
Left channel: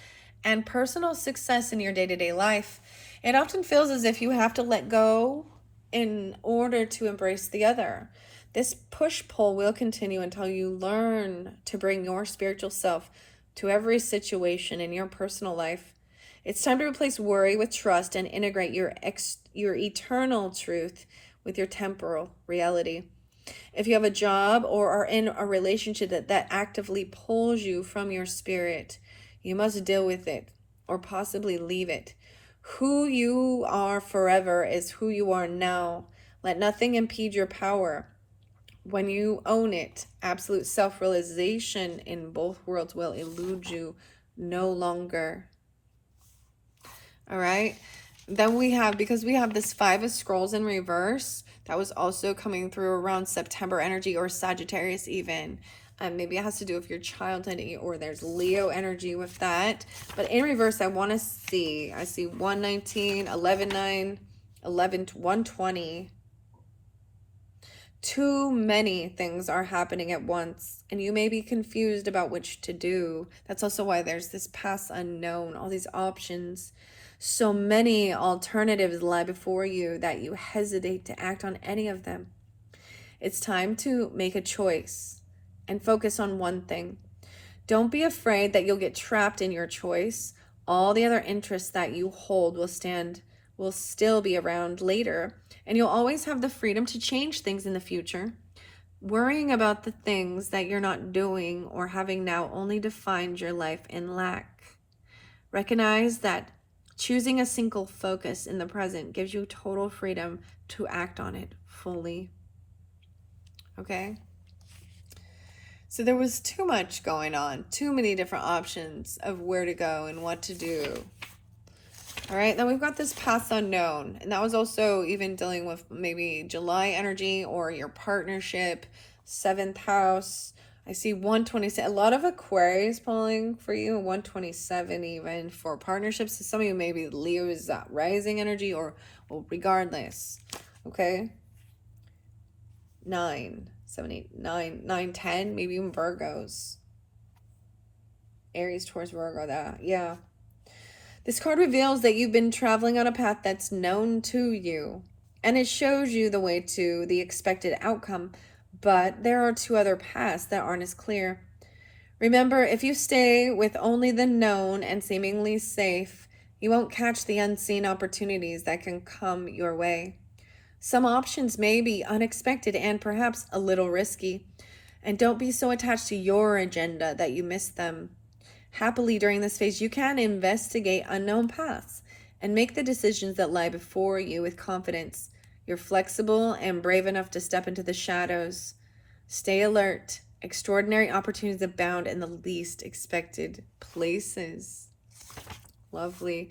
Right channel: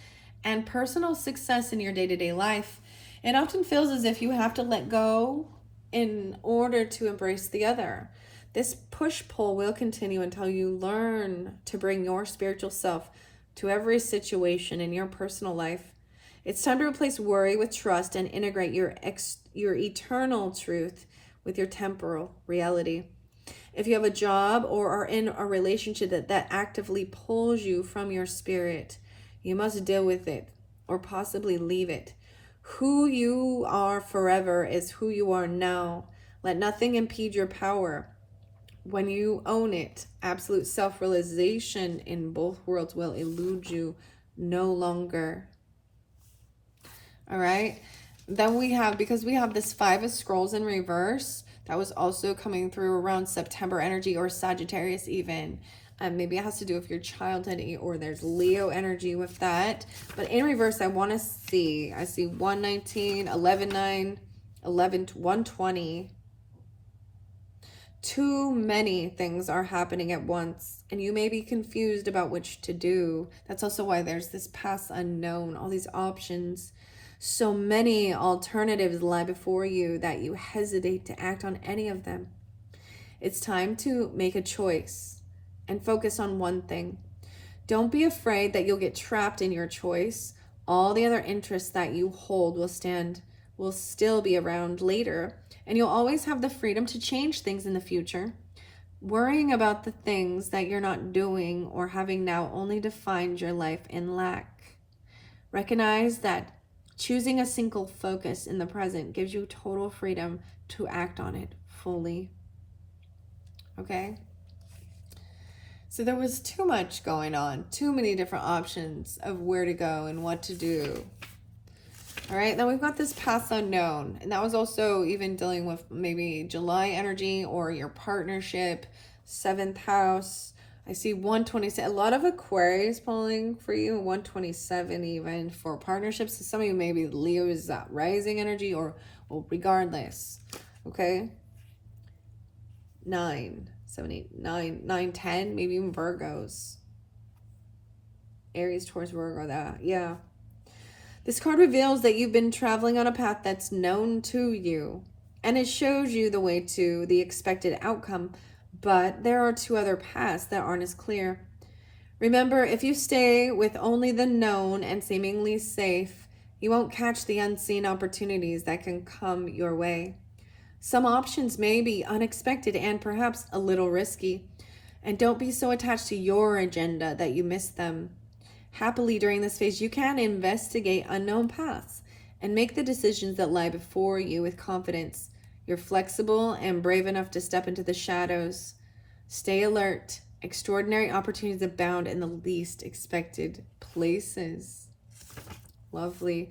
and personal success in your day-to-day life. It often feels as if you have to let go in order to embrace the other. This push-pull will continue until you learn to bring your spiritual self to every situation in your personal life. It's time to replace worry with trust and integrate your eternal truth with your temporal reality. If you have a job or are in a relationship that actively pulls you from your spirit, you must deal with it or possibly leave it. Who you are forever is who you are now. Let nothing impede your power. When you own it, absolute self-realization in both worlds will elude you no longer. All right. Then we have, because we have this 5 of Scrolls in reverse, that was also coming through around September energy or Sagittarius even. Maybe it has to do with your childhood, or there's Leo energy with that. But in reverse, I want to see, I see 119, 11-9, 120. Too many things are happening at once, and you may be confused about which to do. That's also why there's this past unknown, all these options. So many alternatives lie before you that you hesitate to act on any of them. It's time to make a choice and focus on one thing. Don't be afraid that you'll get trapped in your choice. All the other interests that you hold will still be around later, and you'll always have the freedom to change things in the future. Worrying about the things that you're not doing or having now only defines your life in lack. Recognize that choosing a single focus in the present gives you total freedom to act on it fully. Okay? So there was too much going on, too many different options of where to go and what to do. All right, then we've got this past unknown, and that was also even dealing with maybe July energy or your partnership, 7th house. I see 127, a lot of Aquarius pulling for you, 127 even for partnerships. So some of you maybe Leo's rising energy, or well, regardless, okay? 9, 7, 8, 9, 9, 10, maybe even Virgos. Aries, Taurus, Virgo, that, yeah. This card reveals that you've been traveling on a path that's known to you, and it shows you the way to the expected outcome, but there are 2 other paths that aren't as clear. Remember, if you stay with only the known and seemingly safe, you won't catch the unseen opportunities that can come your way. Some options may be unexpected and perhaps a little risky, and don't be so attached to your agenda that you miss them. Happily, during this phase, you can investigate unknown paths and make the decisions that lie before you with confidence. You're flexible and brave enough to step into the shadows. Stay alert. Extraordinary opportunities abound in the least expected places. Lovely.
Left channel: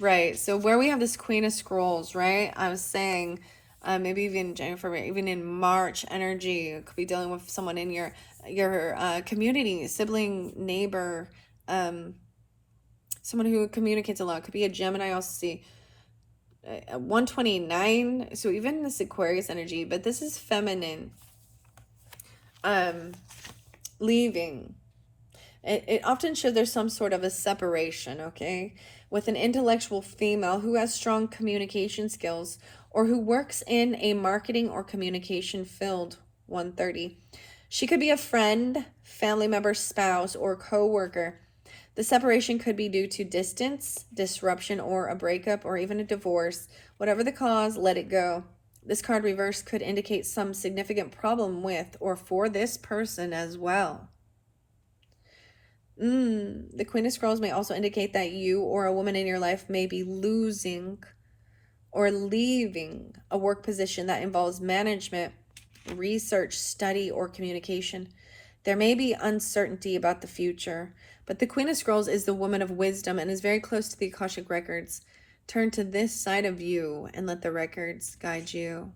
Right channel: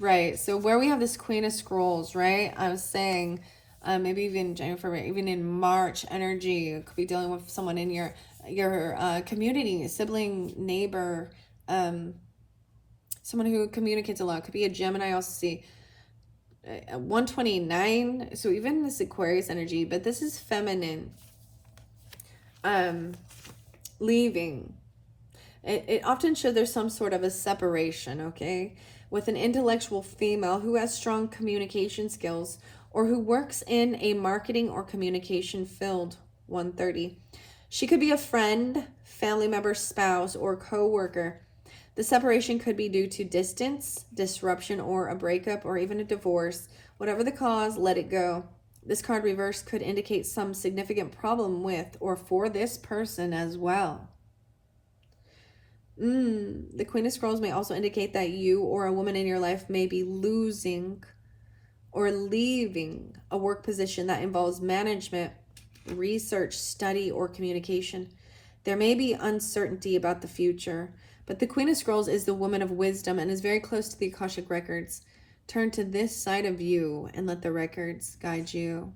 Right, so where we have this Queen of Scrolls, right? I was saying maybe even January, even in March energy, you could be dealing with someone in your community, sibling, neighbor, someone who communicates a lot. Could be a Gemini. I also see 129, so even this Aquarius energy, but this is feminine. Leaving. It often shows there's some sort of a separation, okay, with an intellectual female who has strong communication skills or who works in a marketing or communication field. 130. She could be a friend, family member, spouse, or co-worker. The separation could be due to distance, disruption, or a breakup, or even a divorce. Whatever the cause, let it go. This card reverse could indicate some significant problem with or for this person as well. The Queen of Scrolls may also indicate that you or a woman in your life may be losing or leaving a work position that involves management, research, study, or communication. There may be uncertainty about the future, but the Queen of Scrolls is the woman of wisdom and is very close to the Akashic records. Turn to this side of you and let the records guide you.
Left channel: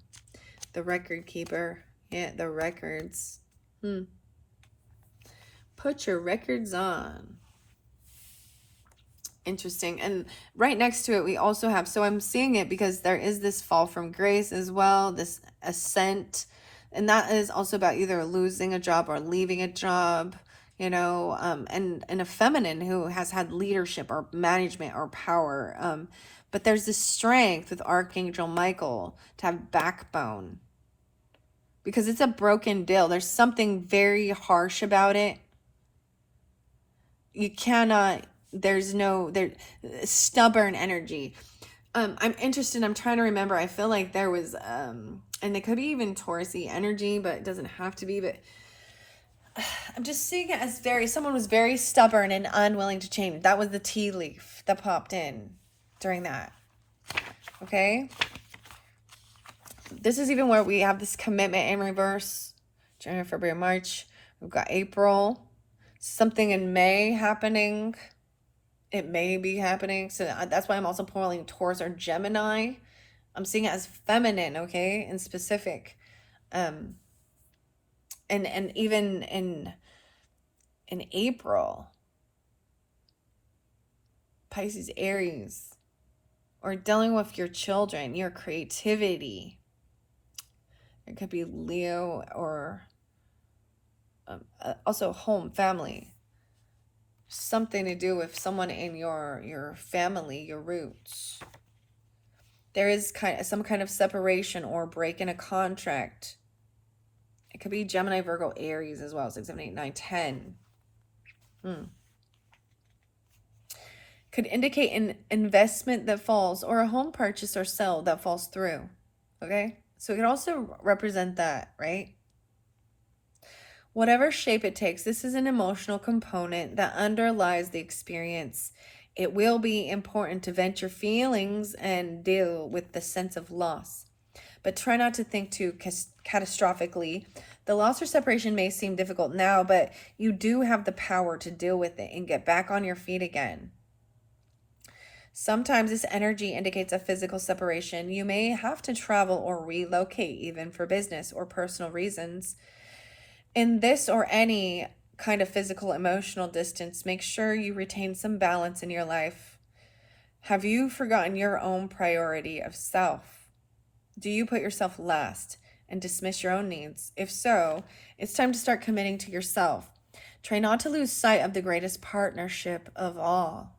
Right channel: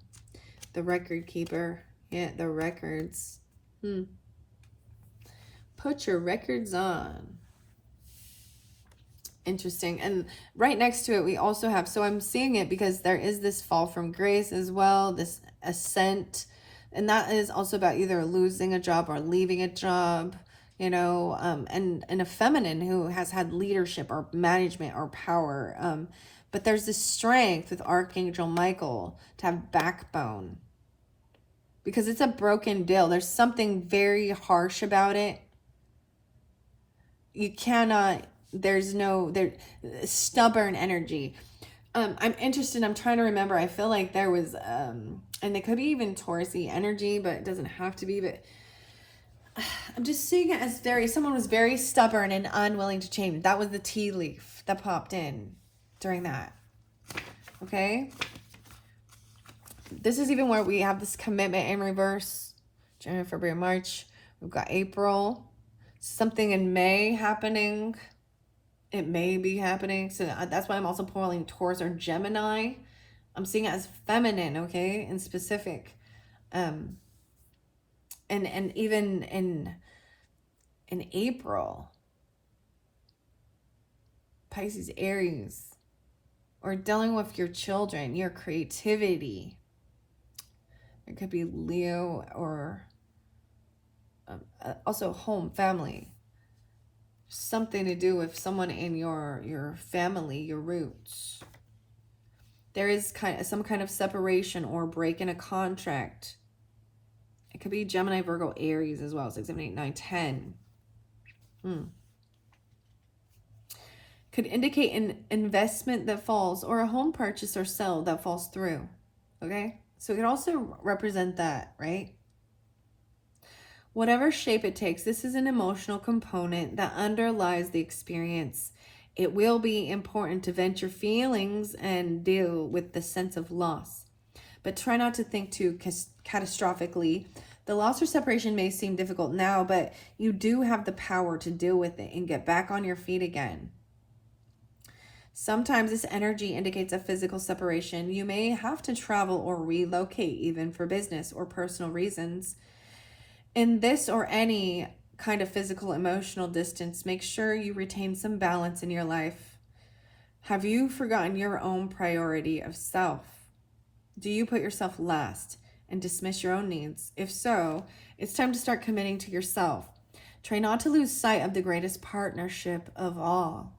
The record keeper. Yeah, the records. Put your records on. Interesting. And right next to it, we also have, so I'm seeing it because there is this fall from grace as well, this ascent. And that is also about either losing a job or leaving a job, you know, and a feminine who has had leadership or management or power. But there's this strength with Archangel Michael to have backbone, because it's a broken deal. There's something very harsh about it. You cannot, there's no, there, stubborn energy. I'm interested, I'm trying to remember, I feel like there was, and it could be even Taurus-y energy, but it doesn't have to be, but I'm just seeing it as someone was very stubborn and unwilling to change. That was the tea leaf that popped in during that. Okay. This is even where we have this commitment in reverse. January, February, March. We've got April. Something in May happening. It may be happening. So that's why I'm also pulling Taurus or Gemini. I'm seeing it as feminine, okay, and specific. And even in April, Pisces, Aries, or dealing with your children, your creativity. It could be Leo, or also home, family. Something to do with someone in your family, your roots. There is some kind of separation or break in a contract. It could be Gemini, Virgo, Aries as well. 6, 7, 8, 9, 10. Could indicate an investment that falls, or a home purchase or sell that falls through. Okay? So it could also represent that, right? Whatever shape it takes, this is an emotional component that underlies the experience. It will be important to vent your feelings and deal with the sense of loss. But try not to think too catastrophically. The loss or separation may seem difficult now, but you do have the power to deal with it and get back on your feet again. Sometimes this energy indicates a physical separation. You may have to travel or relocate, even for business or personal reasons. In this or any kind of physical, emotional distance, make sure you retain some balance in your life. Have you forgotten your own priority of self? Do you put yourself last and dismiss your own needs? If so, it's time to start committing to yourself. Try not to lose sight of the greatest partnership of all.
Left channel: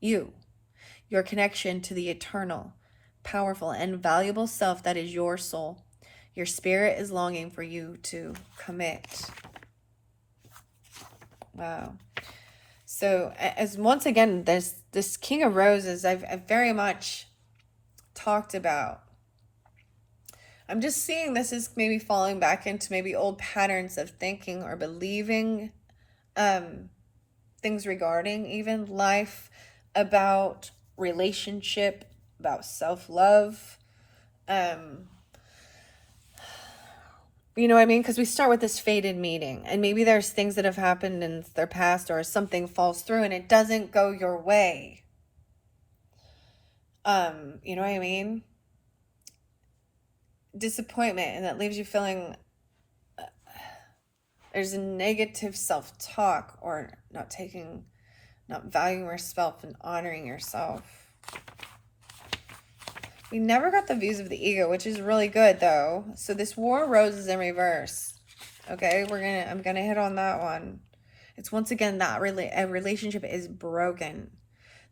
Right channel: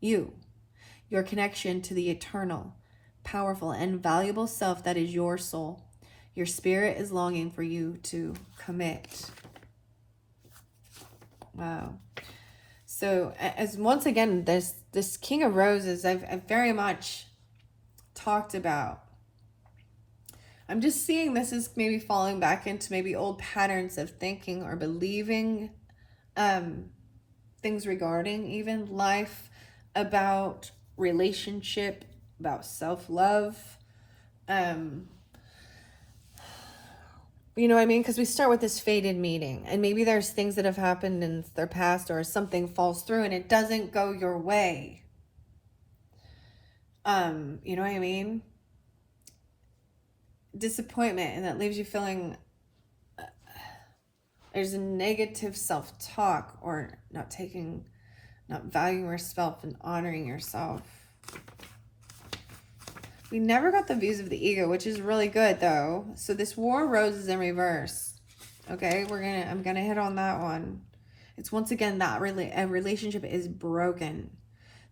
Your connection to the eternal, powerful, and valuable self that is your soul. Your spirit is longing for you to commit. Wow. So as once again, this King of Roses, I've very much talked about. I'm just seeing this as maybe falling back into maybe old patterns of thinking or believing things regarding even life, about relationship, about self-love. You know what I mean? Because we start with this fated meeting, and maybe there's things that have happened in their past, or something falls through and it doesn't go your way. You know what I mean? Disappointment, and that leaves you feeling there's a negative self-talk, or not valuing yourself and honoring yourself. We never got the views of the ego, which is really good though. So this War of Roses in reverse. Okay, I'm gonna hit on that one. It's once again that a relationship is broken.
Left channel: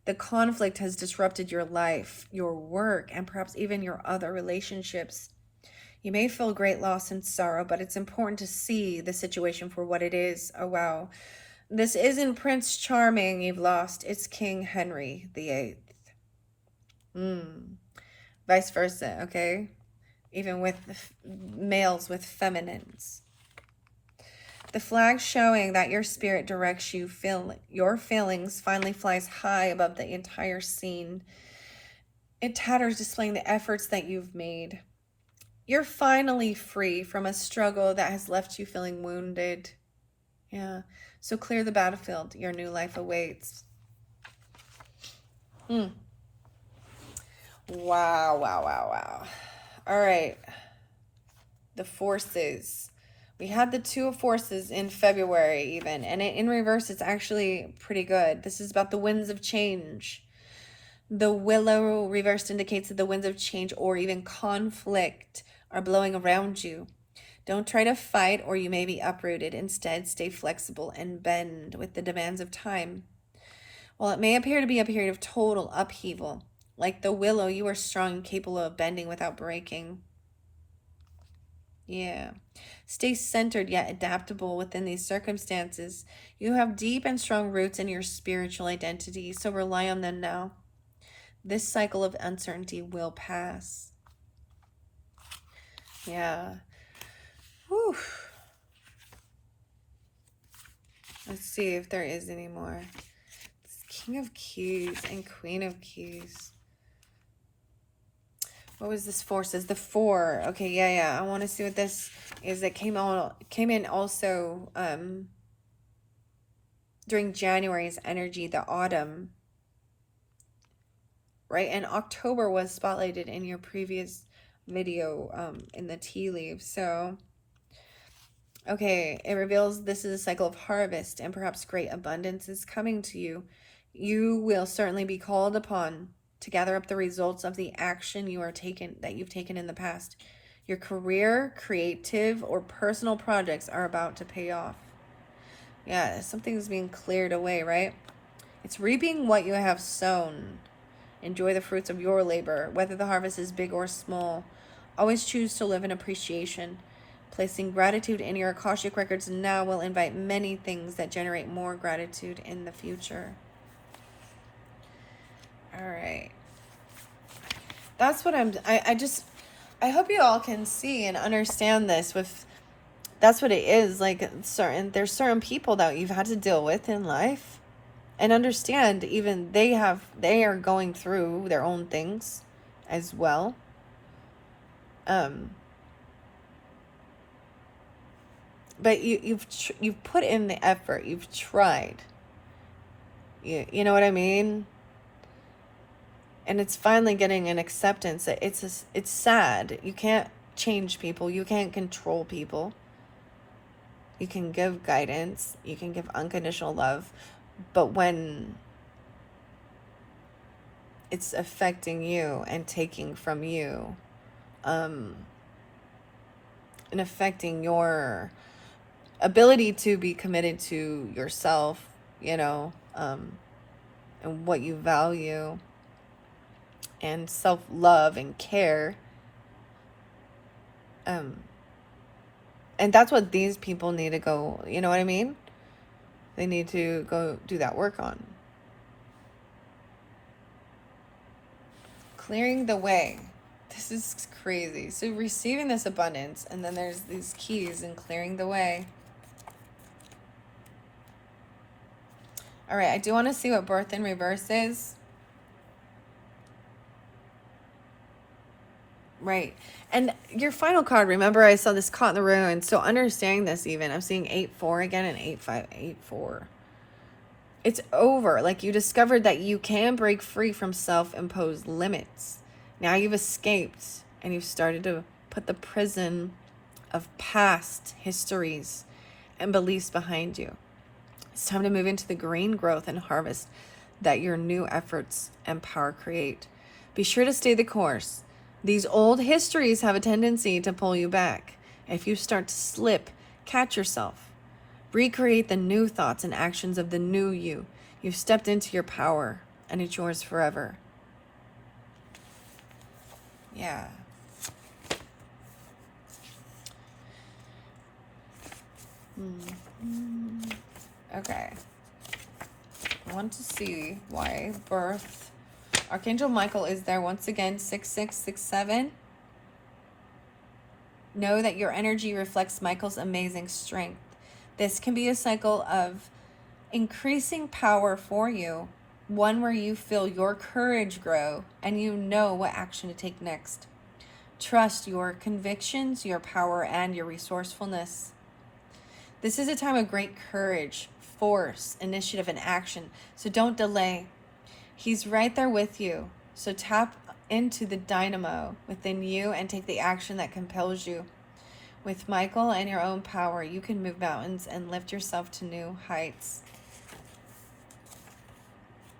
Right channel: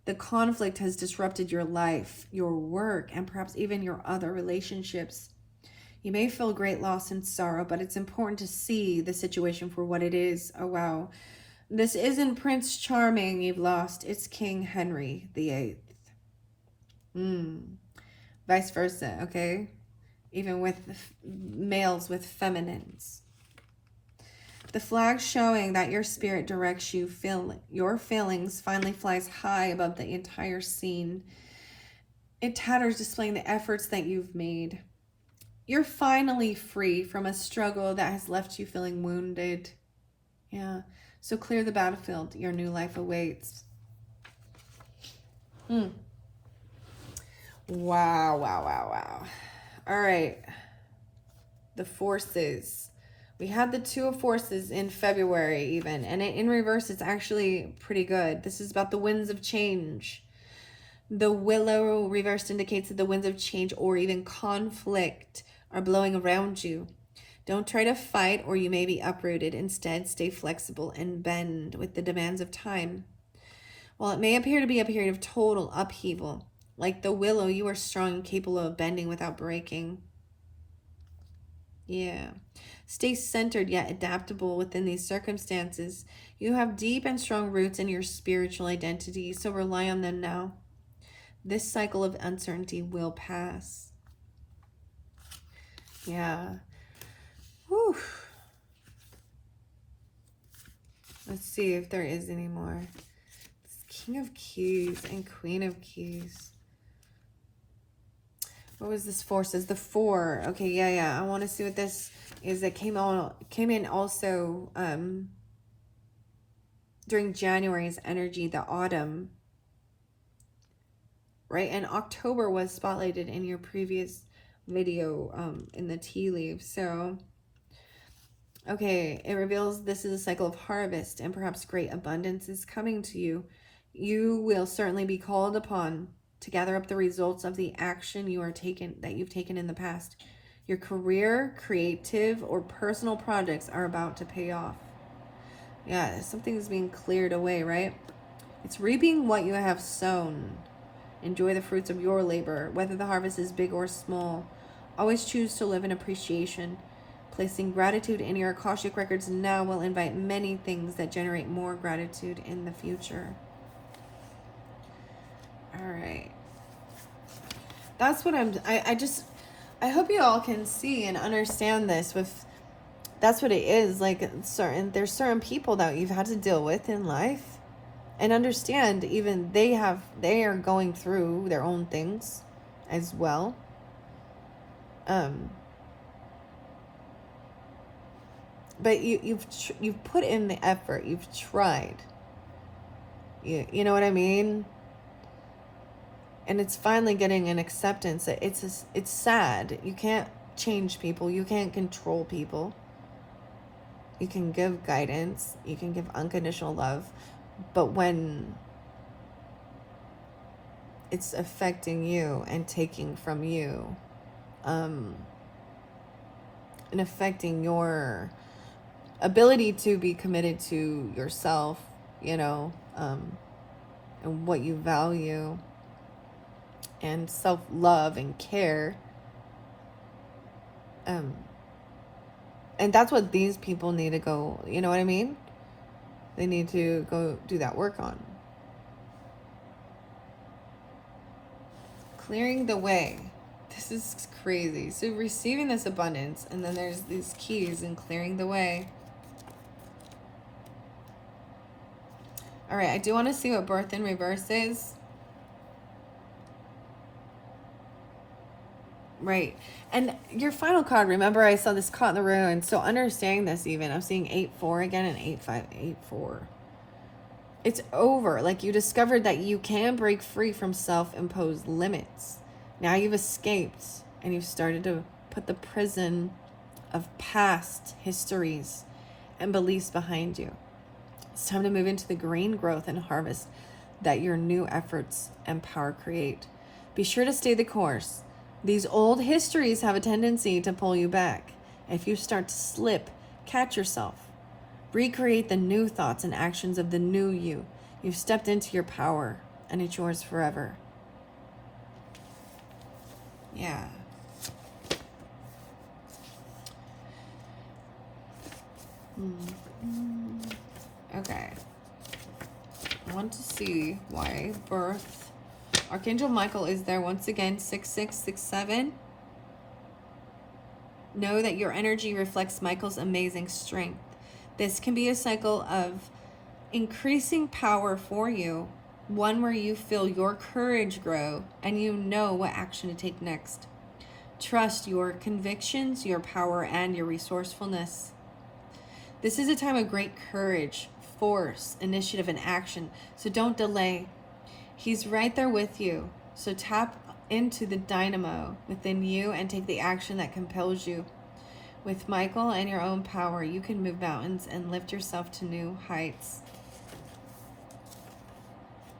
The conflict has disrupted your life, your work, and perhaps even your other relationships. You may feel great loss and sorrow, but it's important to see the situation for what it is. Oh wow. This isn't Prince Charming you've lost. It's King Henry VIII. Vice versa, okay? Even with males with feminines. The flag showing that your spirit directs you, your feelings finally flies high above the entire scene. It tatters, displaying the efforts that you've made. You're finally free from a struggle that has left you feeling wounded. Yeah. So clear the battlefield. Your new life awaits. Wow. All right. The forces. We had the Two of Forces in February even, and in reverse, it's actually pretty good. This is about the winds of change. The Willow reversed indicates that the winds of change or even conflict are blowing around you. Don't try to fight or you may be uprooted. Instead, stay flexible and bend with the demands of time. While it may appear to be a period of total upheaval, like the Willow, you are strong and capable of bending without breaking. Yeah. Stay centered yet adaptable within these circumstances. You have deep and strong roots in your spiritual identity, so rely on them now. This cycle of uncertainty will pass. Yeah. Whew. Let's see if there is any more. It's King of Keys and Queen of Keys. What was this forces? The 4. Okay, yeah. I want to see what this is. It came in also during January's energy, the autumn. Right? And October was spotlighted in your previous video in the tea leaves. So, okay, it reveals this is a cycle of harvest and perhaps great abundance is coming to you. You will certainly be called upon to gather up the results of the action that you've taken in the past. Your career, creative, or personal projects are about to pay off. Yeah, something's being cleared away, right? It's reaping what you have sown. Enjoy the fruits of your labor, whether the harvest is big or small. Always choose to live in appreciation. Placing gratitude in your Akashic records now will invite many things that generate more gratitude in the future. All right. That's what I hope you all can see and understand this that's what it is. Like there's certain people that you've had to deal with in life and understand even they are going through their own things as well. But you've put in the effort, you've tried. You know what I mean? And it's finally getting an acceptance. It's sad. You can't change people. You can't control people. You can give guidance. You can give unconditional love. But when it's affecting you and taking from you, and affecting your ability to be committed to yourself, and what you value, and self-love and care. And that's what these people need to go, you know what I mean? They need to go do that work on. Clearing the way. This is crazy. So receiving this abundance, and then there's these keys and clearing the way. All right, I do want to see what birth in reverse is. Right. And your final card, remember I saw this caught in the ruin. So understanding this even, I'm seeing 8-4 again and 8-5-8-4. It's over. Like you discovered that you can break free from self-imposed limits. Now you've escaped and you've started to put the prison of past histories and beliefs behind you. It's time to move into the green growth and harvest that your new efforts and power create. Be sure to stay the course. These old histories have a tendency to pull you back. If you start to slip, catch yourself. Recreate the new thoughts and actions of the new you. You've stepped into your power, and it's yours forever. Yeah. Okay. I want to see why birth. Archangel Michael is there once again, 6667. Know that your energy reflects Michael's amazing strength. This can be a cycle of increasing power for you, one where you feel your courage grow and you know what action to take next. Trust your convictions, your power, and your resourcefulness. This is a time of great courage, force, initiative, and action, so don't delay. He's right there with you. So tap into the dynamo within you and take the action that compels you. With Michael and your own power, you can move mountains and lift yourself to new heights.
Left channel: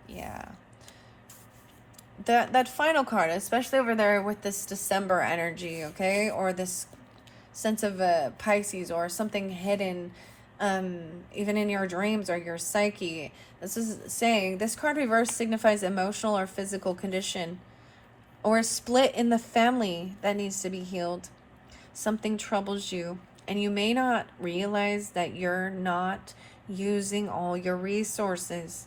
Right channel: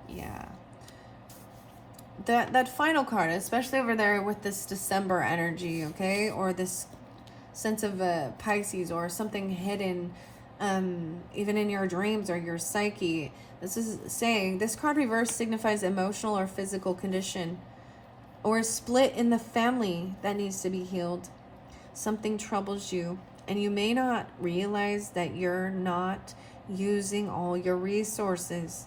Yeah. That final card, especially over there with this December energy, okay? Or this sense of Pisces or something hidden, even in your dreams or your psyche. This is saying, this card reverse signifies emotional or physical condition or a split in the family that needs to be healed. Something troubles you, and you may not realize that you're not using all your resources.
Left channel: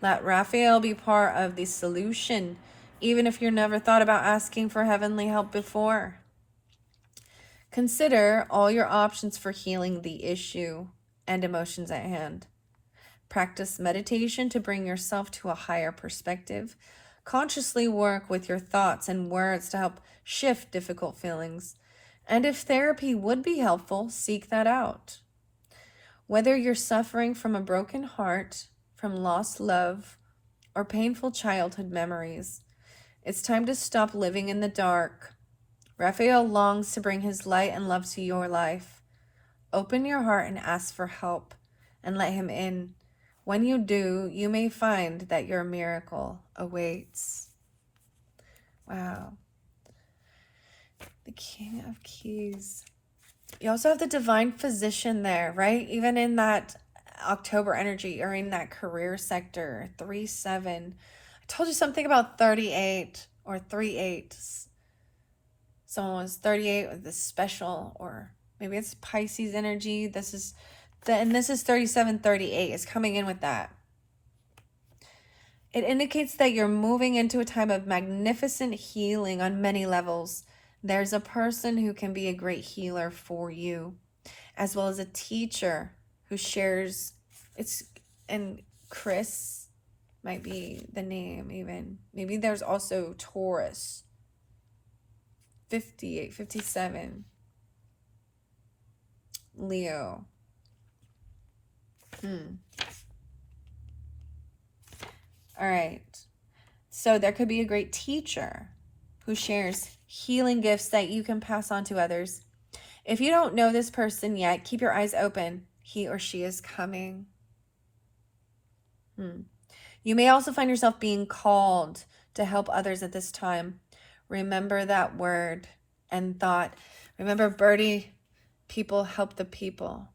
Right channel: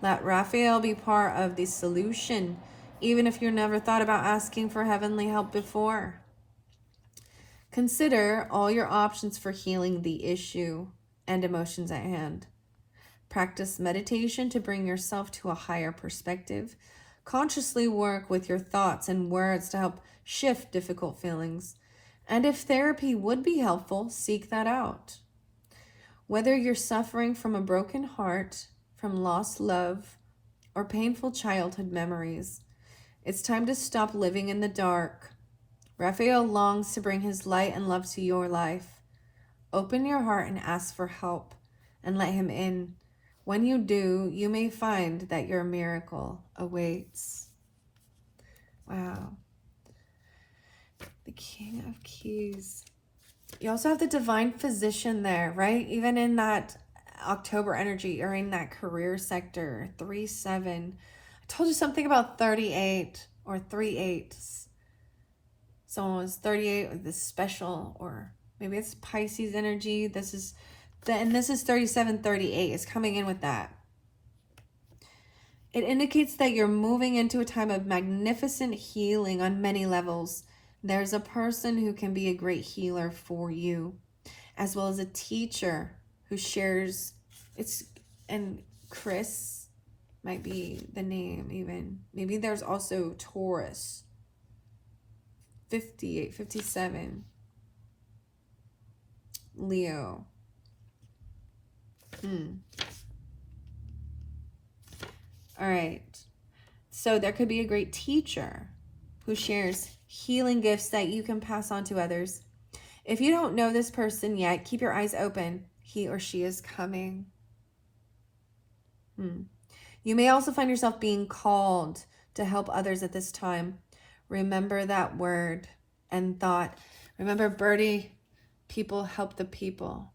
Let Raphael be part of the solution, even if you never thought about asking for heavenly help before. Consider all your options for healing the issue and emotions at hand. Practice meditation to bring yourself to a higher perspective. Consciously work with your thoughts and words to help shift difficult feelings. And if therapy would be helpful, seek that out. Whether you're suffering from a broken heart, from lost love, or painful childhood memories, it's time to stop living in the dark. Raphael longs to bring his light and love to your life. Open your heart and ask for help, and let him in. When you do, you may find that your miracle awaits. Wow. The King of Keys. You also have the Divine Physician there, right? Even in that October energy or in that career sector, 3-7. I told you something about 38 or 3-8. Someone was 38 with this special, or maybe it's Pisces energy. This is 37-38 is coming in with that. It indicates that you're moving into a time of magnificent healing on many levels. There's a person who can be a great healer for you, as well as a teacher who shares and Chris might be the name even. Maybe there's also Taurus. 58, 57. Leo. All right. So there could be a great teacher who shares healing gifts that you can pass on to others. If you don't know this person yet, keep your eyes open. He or she is coming. You may also find yourself being called to help others at this time. Remember that word and thought. Remember, Birdie, people help the people.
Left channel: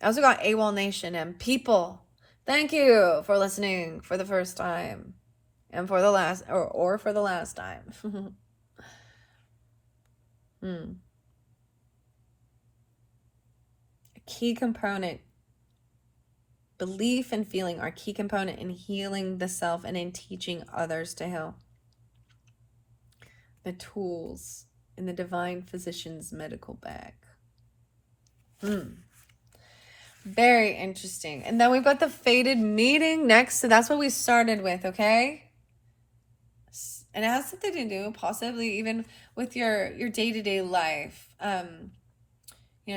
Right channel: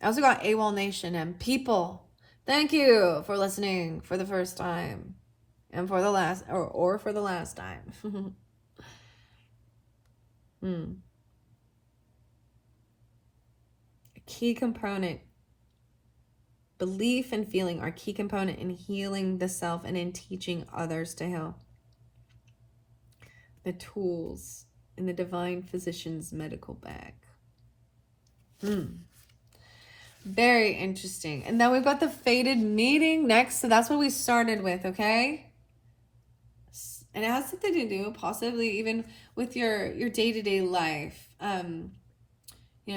I also got AWOL Nation and people. Thank you for listening for the first time and for the last, or for the last time. A key component. Belief and feeling are key component in healing the self and in teaching others to heal. The tools in the Divine Physician's medical bag. Very interesting. And then we've got the fated meeting next. So that's what we started with, okay? And it has something to do possibly even with your day-to-day life.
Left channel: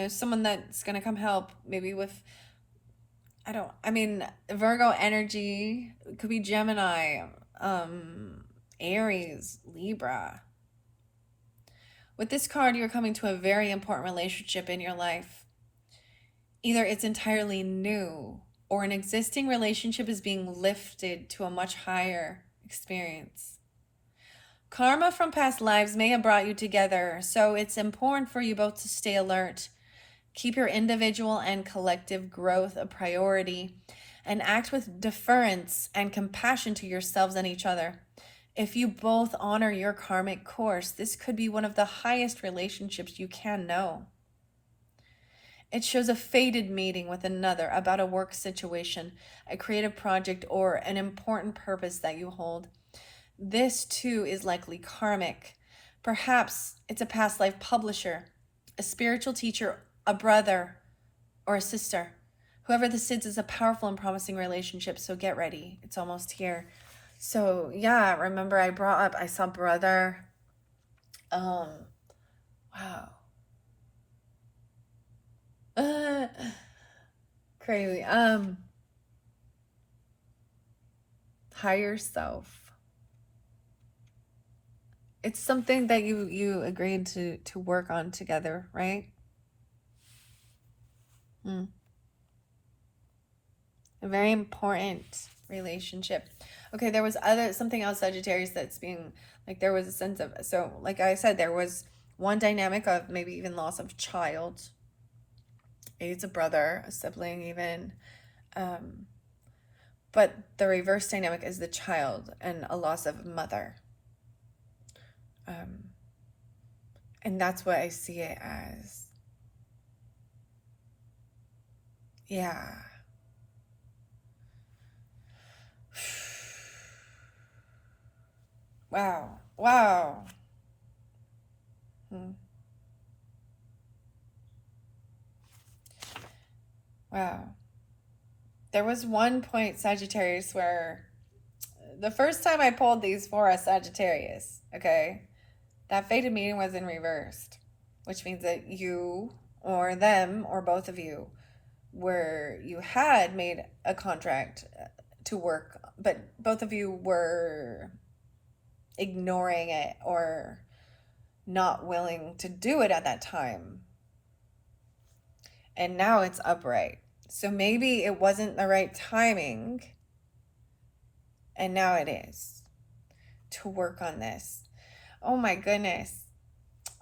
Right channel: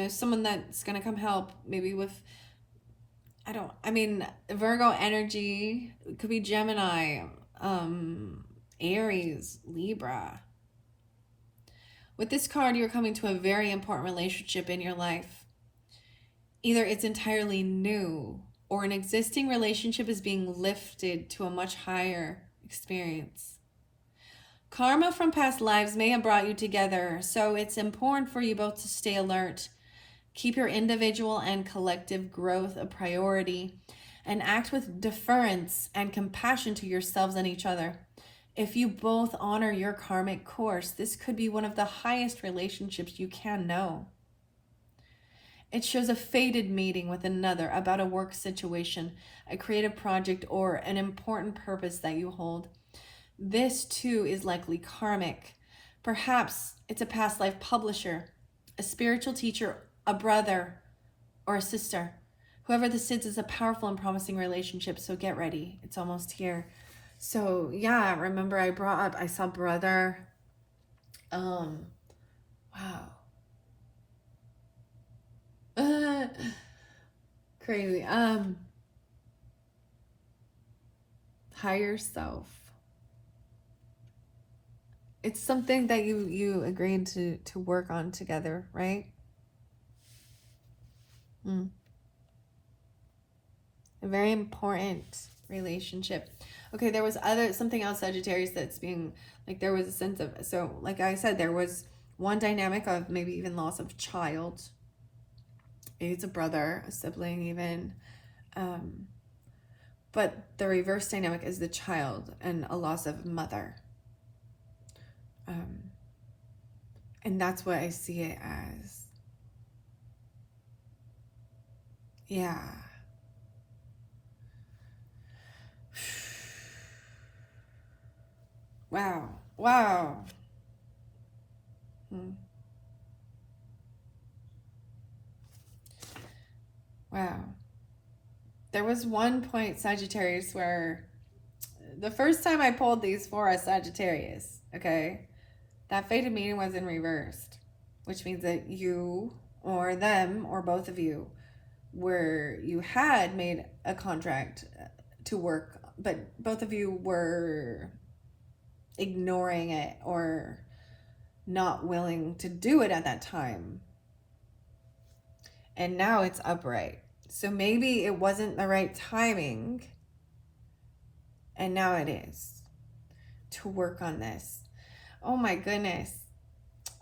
Someone that's going to come help maybe with, Virgo energy. It could be Gemini, Aries, Libra. With this card, you're coming to a very important relationship in your life. Either it's entirely new or an existing relationship is being lifted to a much higher experience. Karma from past lives may have brought you together, so it's important for you both to stay alert. Keep your individual and collective growth a priority and act with deference and compassion to yourselves and each other. If you both honor your karmic course, this could be one of the highest relationships you can know. It shows a fated meeting with another about a work situation, a creative project, or an important purpose that you hold. This too is likely karmic. Perhaps it's a past life publisher, a spiritual teacher, a brother, or a sister. Whoever this is a powerful and promising relationship, so get ready. It's almost here. So yeah, remember I saw brother. Wow. Crazy. Higher self. It's something that you agreed to work on together, right? Mm. A very important relationship. Okay, there was something else, Sagittarius, that's being like, there was a sense of, so like I said, there was one dynamic of maybe even loss of child. Maybe it's a brother, a sibling even. But the reverse dynamic is the child and a loss of mother. And that's what I see it as. Yeah. Wow. Wow. Wow. There was one point, Sagittarius, where the first time I pulled these for a Sagittarius, okay, that fated meeting was in reversed, which means that you or them or both of you you had made a contract to work, but both of you were ignoring it or not willing to do it at that time. And now it's upright. So maybe it wasn't the right timing, and now it is, to work on this. Oh my goodness.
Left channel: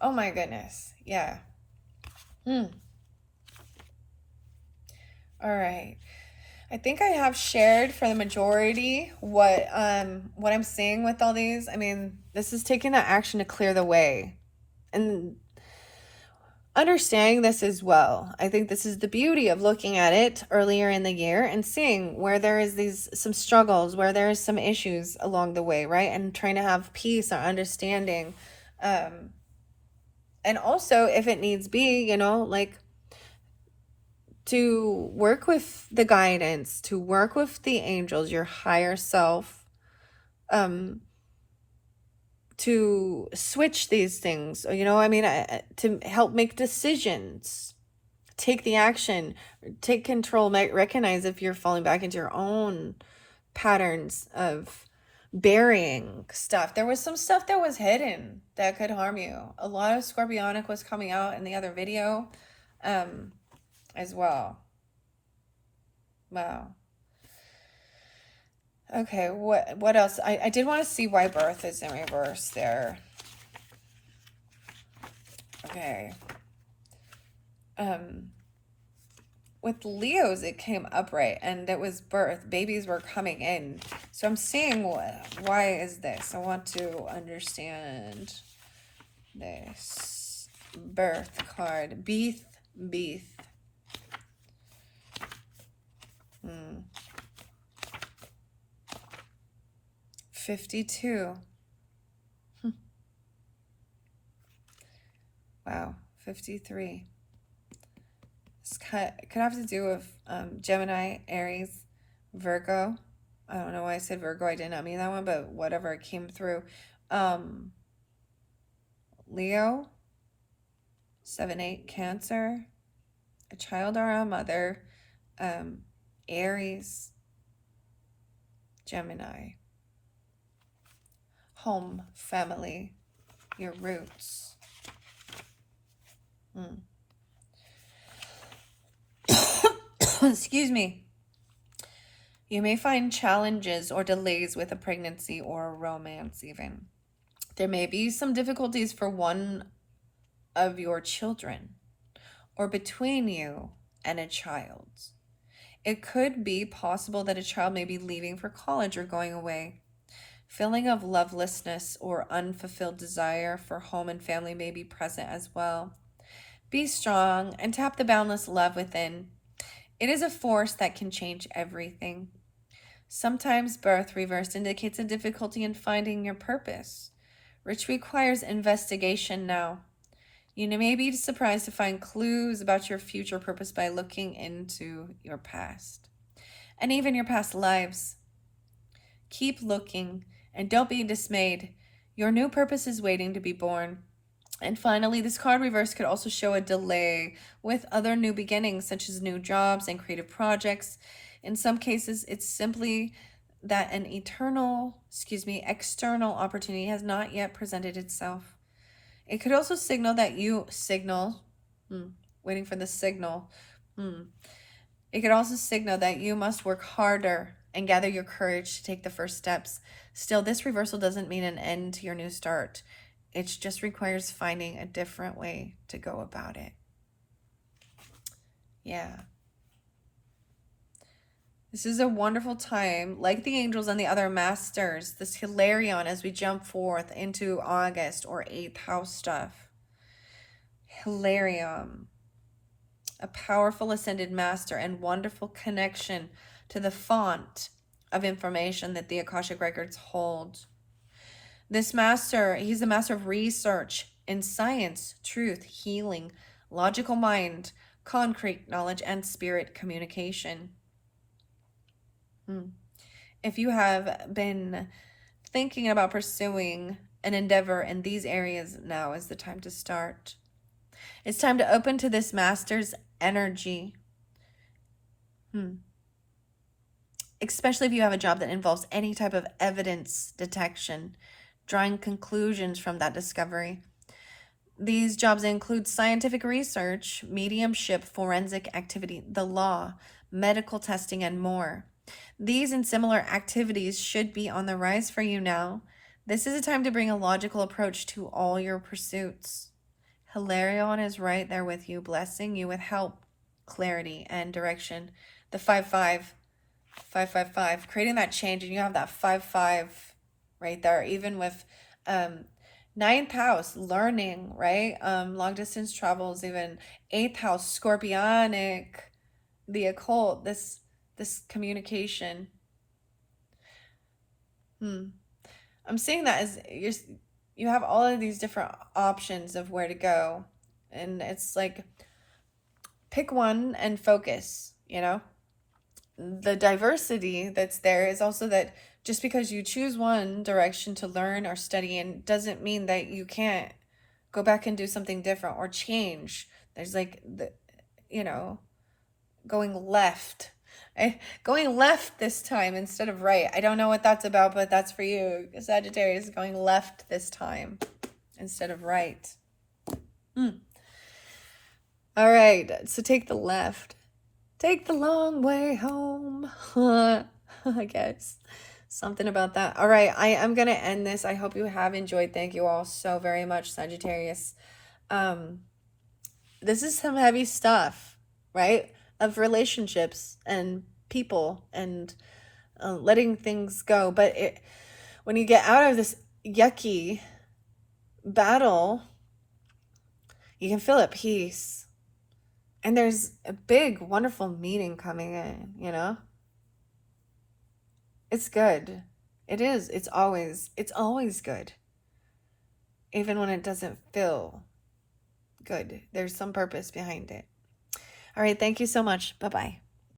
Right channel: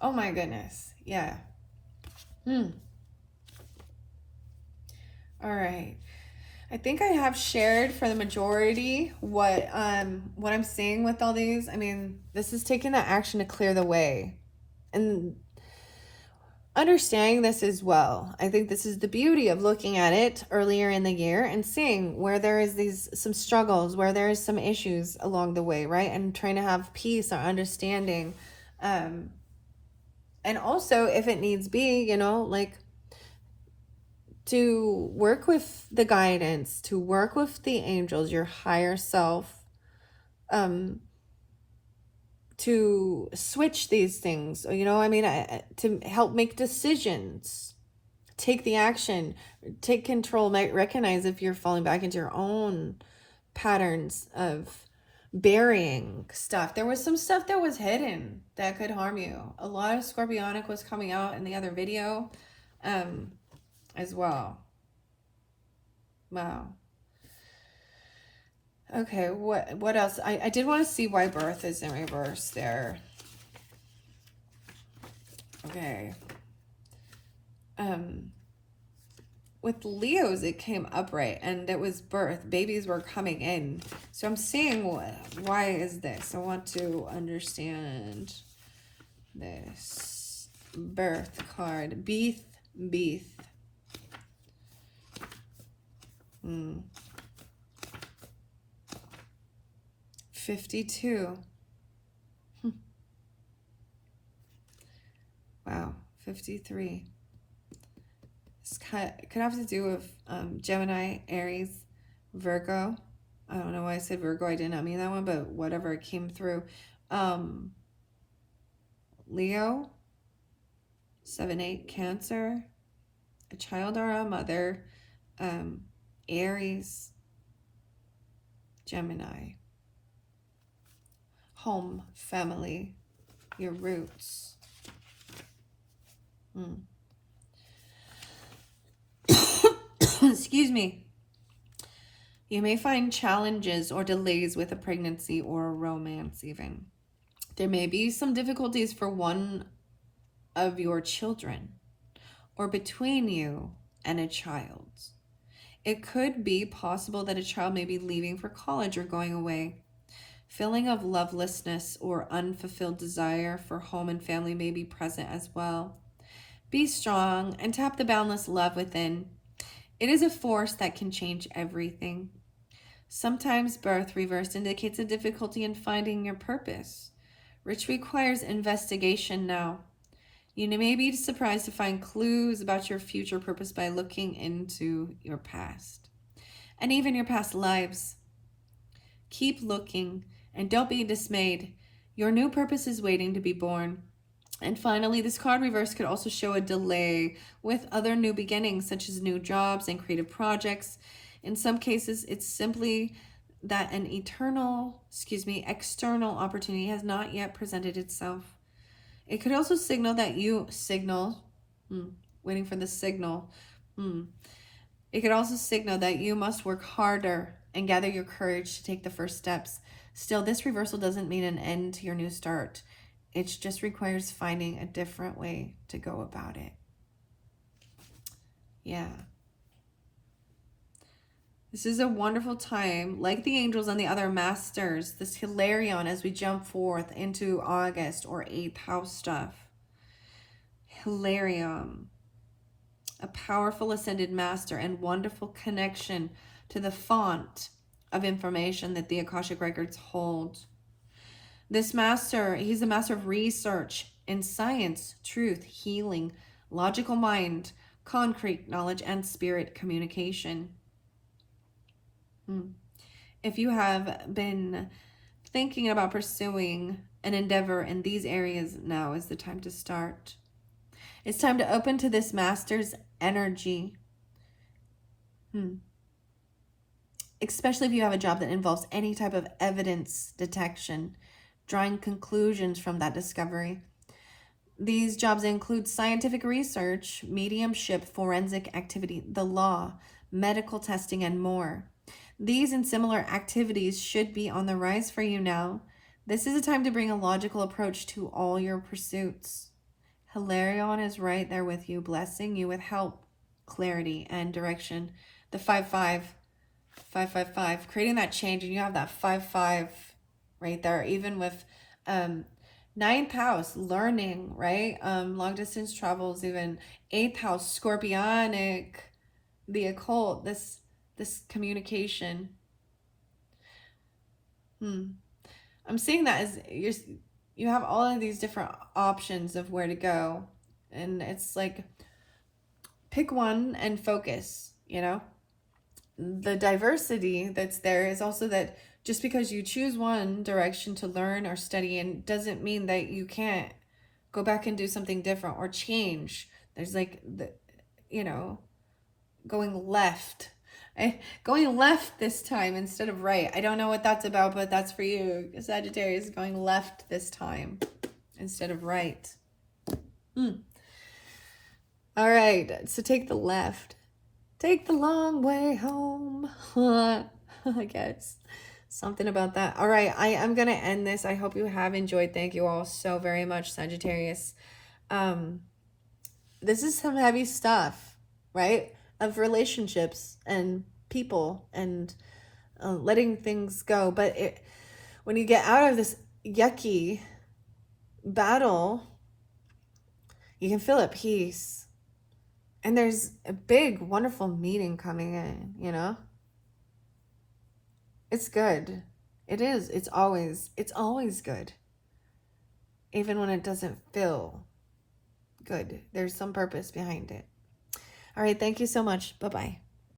Oh my goodness. Yeah. All right. I think I have shared for the majority what I'm seeing with all these. I mean, this is taking that action to clear the way. And understanding this as well. I think this is the beauty of looking at it earlier in the year and seeing where there is some struggles, where there is some issues along the way, right? And trying to have peace or understanding. And also, if it needs be, like, to work with the guidance, to work with the angels, your higher self, to switch these things, to help make decisions, take the action, take control, recognize if you're falling back into your own patterns of burying stuff. There was some stuff that was hidden that could harm you. A lot of Scorpionic was coming out in the other video as well. Wow. Okay, what else? I did want to see why birth is in reverse there. Okay. With Leos, it came upright, and it was birth. Babies were coming in. So I'm seeing why is this? I want to understand this. Birth card. Beeth. 52. Wow. 53. This could have to do with Gemini, Aries, Virgo. I don't know why I said Virgo. I did not mean that one, but whatever, it came through. Leo, 7-8, Cancer, a child or a mother, Aries, Gemini, home, family, your roots. Excuse me. You may find challenges or delays with a pregnancy or a romance even. There may be some difficulties for one of your children or between you and a child. It could be possible that a child may be leaving for college or going away. Feeling of lovelessness or unfulfilled desire for home and family may be present as well. Be strong and tap the boundless love within. It is a force that can change everything. Sometimes birth reversed indicates a difficulty in finding your purpose, which requires investigation now. You may be surprised to find clues about your future purpose by looking into your past and even your past lives. Keep looking and don't be dismayed. Your new purpose is waiting to be born. And finally, this card reverse could also show a delay with other new beginnings, such as new jobs and creative projects. In some cases, it's simply that an external opportunity has not yet presented itself. It could also signal that waiting for the signal, It could also signal that you must work harder and gather your courage to take the first steps. Still, this reversal doesn't mean an end to your new start. It just requires finding a different way to go about it. Yeah. This is a wonderful time, like the angels and the other masters, this Hilarion as we jump forth into August or 8th house stuff. Hilarion, a powerful ascended master and wonderful connection to the font of information that the Akashic records hold. This master, he's the master of research in science, truth, healing, logical mind, concrete knowledge, and spirit communication. If you have been thinking about pursuing an endeavor in these areas, now is the time to start. It's time to open to this master's energy. Especially if you have a job that involves any type of evidence detection, drawing conclusions from that discovery. These jobs include scientific research, mediumship, forensic activity, the law, medical testing, and more. These and similar activities should be on the rise for you now. This is a time to bring a logical approach to all your pursuits. Hilarion is right there with you, blessing you with help, clarity, and direction. The 5-5, creating that change, and you have that 5-5 right there, even with 9th house, learning, right? Long distance travels, even 8th house, scorpionic, the occult, this communication. I'm seeing that as you have all of these different options of where to go, and it's like pick one and focus. The diversity that's there is also that just because you choose one direction to learn or study in doesn't mean that you can't go back and do something different or change. There's like going left this time instead of right. I don't know what that's about, but that's for you, Sagittarius, going left this time instead of right. All right, so take the left. Take the long way home. I guess something about that. All right, I am going to end this. I hope you have enjoyed. Thank you all so very much, Sagittarius. This is some heavy stuff, right? Of relationships and people and letting things go. But when you get out of this yucky battle, you can feel at peace. And there's a big, wonderful meaning coming in, It's good. It is. It's always good. Even when it doesn't feel good. There's some purpose behind it. All right. Thank you so much. Bye-bye.